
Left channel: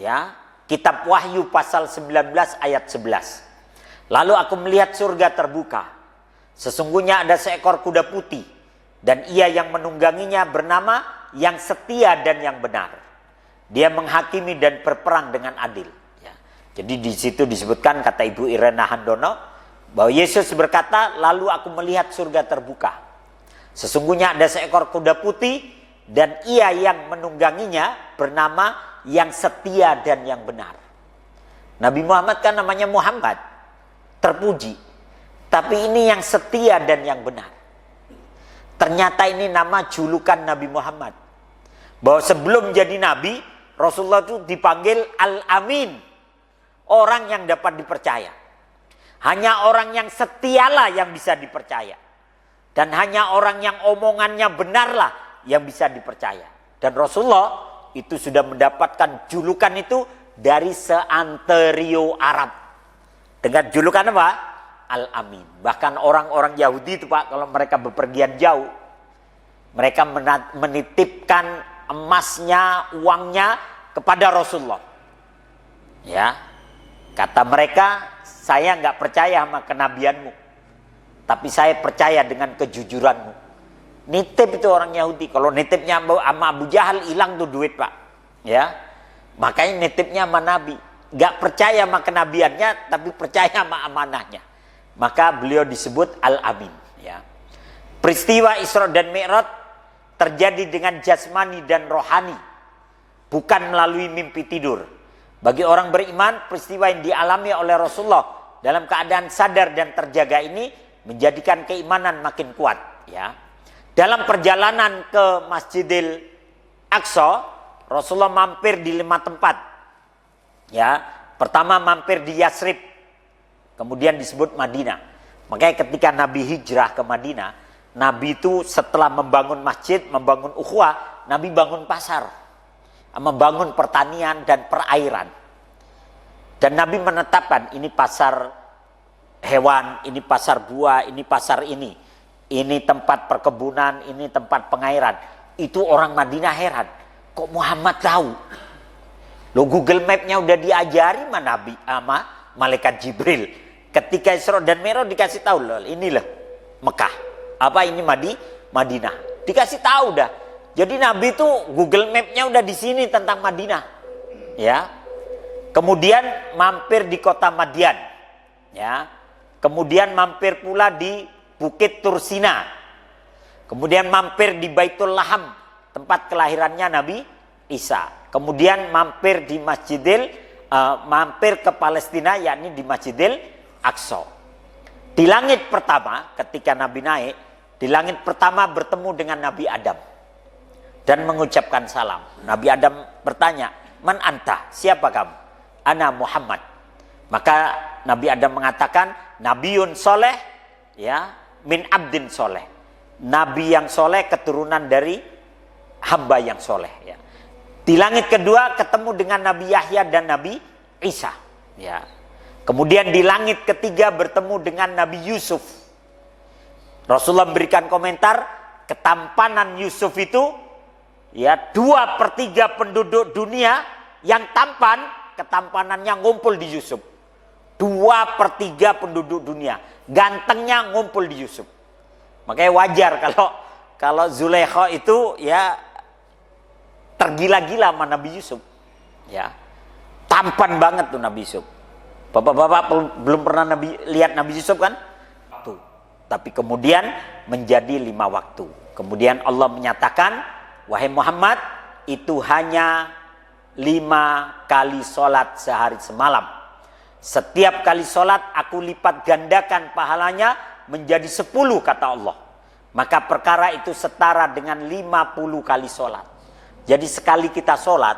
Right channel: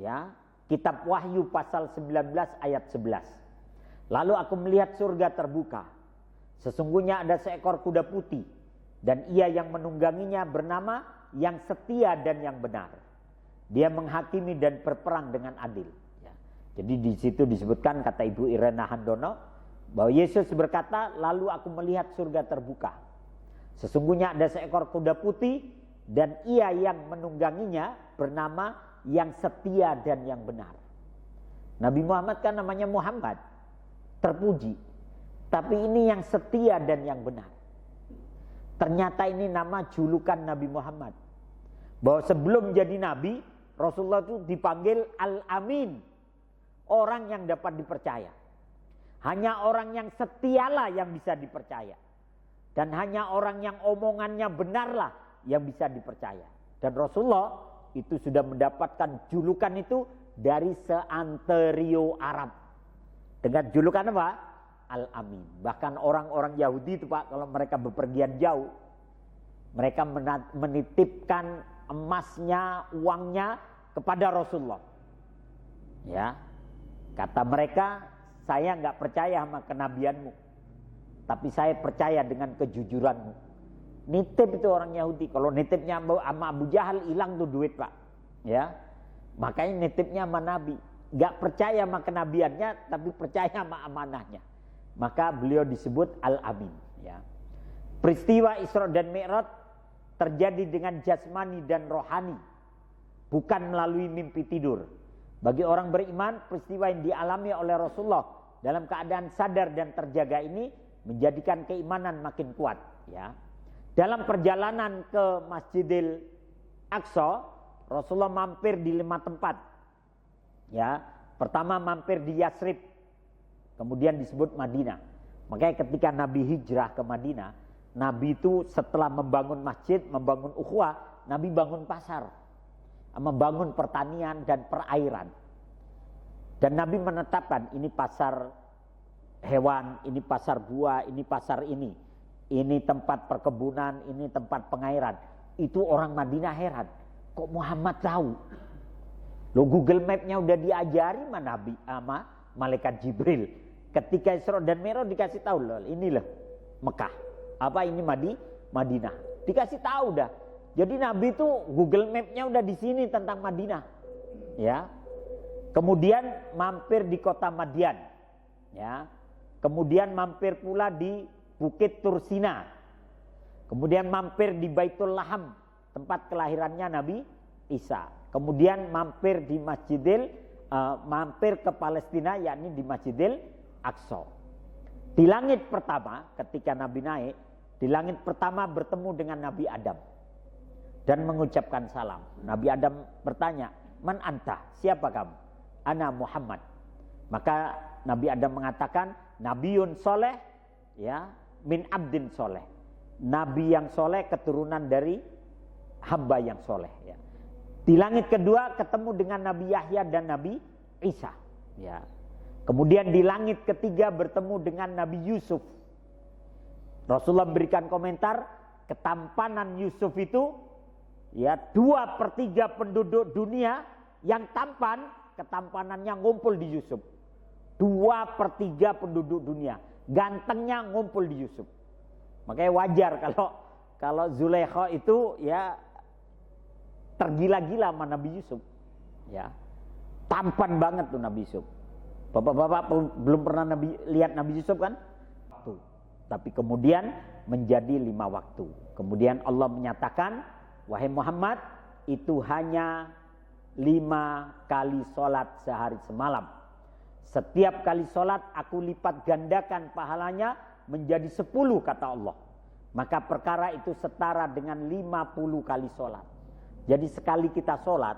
ya, Kitab Wahyu pasal 19 ayat 11. Lalu aku melihat surga terbuka. Sesungguhnya ada seekor kuda putih dan ia yang menungganginya bernama Yang Setia dan Yang Benar. Dia menghakimi dan berperang dengan adil. Ya. Jadi di situ disebutkan, kata Ibu Irena Handono, bahwa Yesus berkata, lalu aku melihat surga terbuka. Sesungguhnya ada seekor kuda putih dan ia yang menungganginya bernama Yang Setia dan Yang Benar. Nabi Muhammad kan namanya Muhammad, terpuji. Tapi ini Yang Setia dan Yang Benar. Ternyata ini nama julukan Nabi Muhammad. Bahwa sebelum jadi Nabi, Rasulullah itu dipanggil Al-Amin. Orang yang dapat dipercaya. Hanya orang yang setialah yang bisa dipercaya. Dan hanya orang yang omongannya benarlah yang bisa dipercaya. Dan Rasulullah itu sudah mendapatkan julukan itu dari seantero Arab. Dengan julukan apa? Al-Amin. Bahkan orang-orang Yahudi itu, Pak, kalau mereka bepergian jauh, mereka menitipkan emasnya, uangnya kepada Rasulullah. Ya, kata mereka, saya nggak percaya sama kenabianmu, tapi saya percaya dengan kejujuranmu. Nitip itu orang Yahudi. Kalau nitipnya sama Abu Jahal, hilang tuh duit, Pak. Ya, makanya nitipnya sama Nabi. Nggak percaya sama kenabiannya, tapi percaya sama amanahnya. Maka beliau disebut Al-Amin. Ya. Peristiwa Isra dan Mi'raj terjadi dengan jasmani dan rohani, bukan melalui mimpi tidur. Bagi orang beriman, peristiwa yang dialami oleh Rasulullah dalam keadaan sadar dan terjaga ini menjadikan keimanan makin kuat. Ya. Dalam perjalanan ke Masjidil Aqsa, Rasulullah mampir di 5 tempat. Ya, pertama mampir di Yasrib, kemudian disebut Madinah. Makanya ketika Nabi hijrah ke Madinah, Nabi itu setelah membangun masjid, membangun ukhuwah, Nabi bangun pasar, membangun pertanian dan perairan. Dan Nabi menetapkan ini pasar hewan, ini pasar buah, ini pasar ini tempat perkebunan, ini tempat pengairan. Itu orang Madinah heran. kok Muhammad tahu? Lo Google Map-nya udah diajari sama malaikat Jibril. Ketika Isra dan Mi'raj dikasih tahu loh, ini loh Mekah. Apa ini Madinah? Dikasih tahu dah. Jadi Nabi itu Google Map-nya udah di sini tentang Madinah. Ya. Kemudian mampir di kota Madian. Ya. Kemudian mampir pula di Bukit Tursina. Kemudian mampir di Baitul Laham, tempat kelahirannya Nabi Isa. Kemudian mampir di mampir ke Palestina, yakni di Masjidil Aqsa. Di langit pertama, ketika Nabi naik, di langit pertama bertemu dengan Nabi Adam dan mengucapkan salam. Nabi Adam bertanya, "Man anta? Siapa kamu?" "Ana Muhammad." Maka Nabi Adam mengatakan, "Nabiun soleh, ya, min abdin soleh." Nabi yang soleh, keturunan dari hamba yang soleh. Ya. Di langit kedua ketemu dengan Nabi Yahya dan Nabi Isa. Ya. Kemudian di langit ketiga bertemu dengan Nabi Yusuf. Rasulullah memberikan komentar, ketampanan Yusuf itu, ya, 2/3 penduduk dunia yang tampan, ketampanannya ngumpul di Yusuf. 2/3 penduduk dunia gantengnya ngumpul di Yusuf. Makanya wajar kalau Zulaikha itu, ya, tergila-gila sama Nabi Yusuf. Ya. Tampan banget tuh Nabi Yusuf. Bapak-bapak belum pernah lihat Nabi Yusuf kan? Tuh. Tapi kemudian menjadi 5 waktu. Kemudian Allah menyatakan, "Wahai Muhammad, itu hanya 5 kali sholat sehari semalam. Setiap kali sholat aku lipat gandakan pahalanya menjadi 10," kata Allah. Maka perkara itu setara dengan 50 kali sholat. Jadi sekali kita sholat,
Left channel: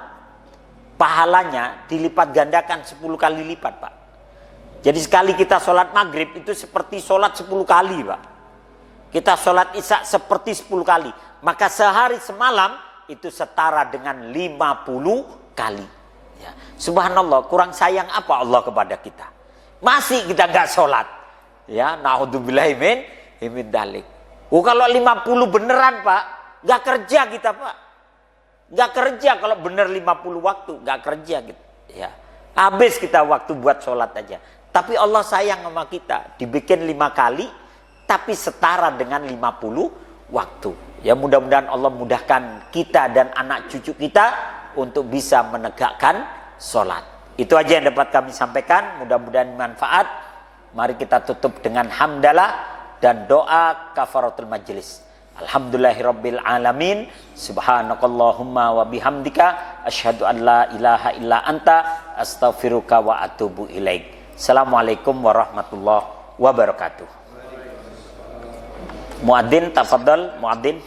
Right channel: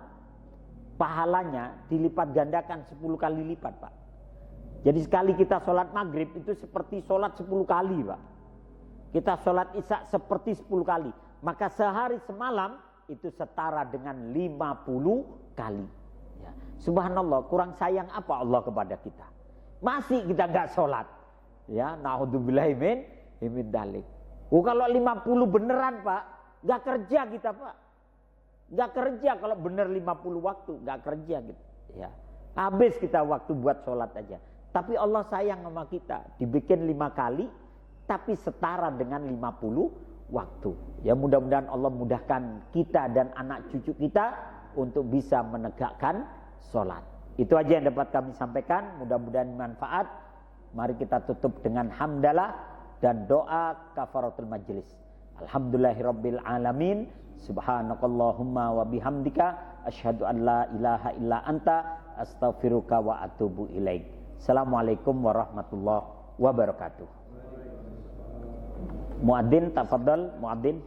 pahalanya dilipat gandakan 10 kali lipat, Pak. Jadi sekali kita sholat maghrib itu seperti sholat 10 kali, Pak. Kita sholat isya seperti 10 kali. Maka sehari semalam itu setara dengan 50 kali. Ya. Subhanallah, kurang sayang apa Allah kepada kita? Masih kita nggak sholat. Ya, naudzubillahi min dzalik. Kalau 50 beneran, Pak, nggak kerja kita, Pak. Nggak kerja kalau bener 50 waktu, nggak kerja gitu. Ya. Habis kita waktu buat sholat aja. Tapi Allah sayang sama kita. Dibikin 5 kali, tapi setara dengan 50 waktu. Ya, mudah-mudahan Allah mudahkan kita dan anak cucu kita untuk bisa menegakkan sholat. Itu aja yang dapat kami sampaikan. Mudah-mudahan manfaat. Mari kita tutup dengan hamdalah dan doa kafaratul majlis. Alhamdulillahirabbil alamin. Subhanakallahumma wa bihamdika asyhadu an la ilaha illa anta astaghfiruka wa atubu ilaik. Assalamualaikum warahmatullahi wabarakatuh. Muadzin tafadhal, muadzin.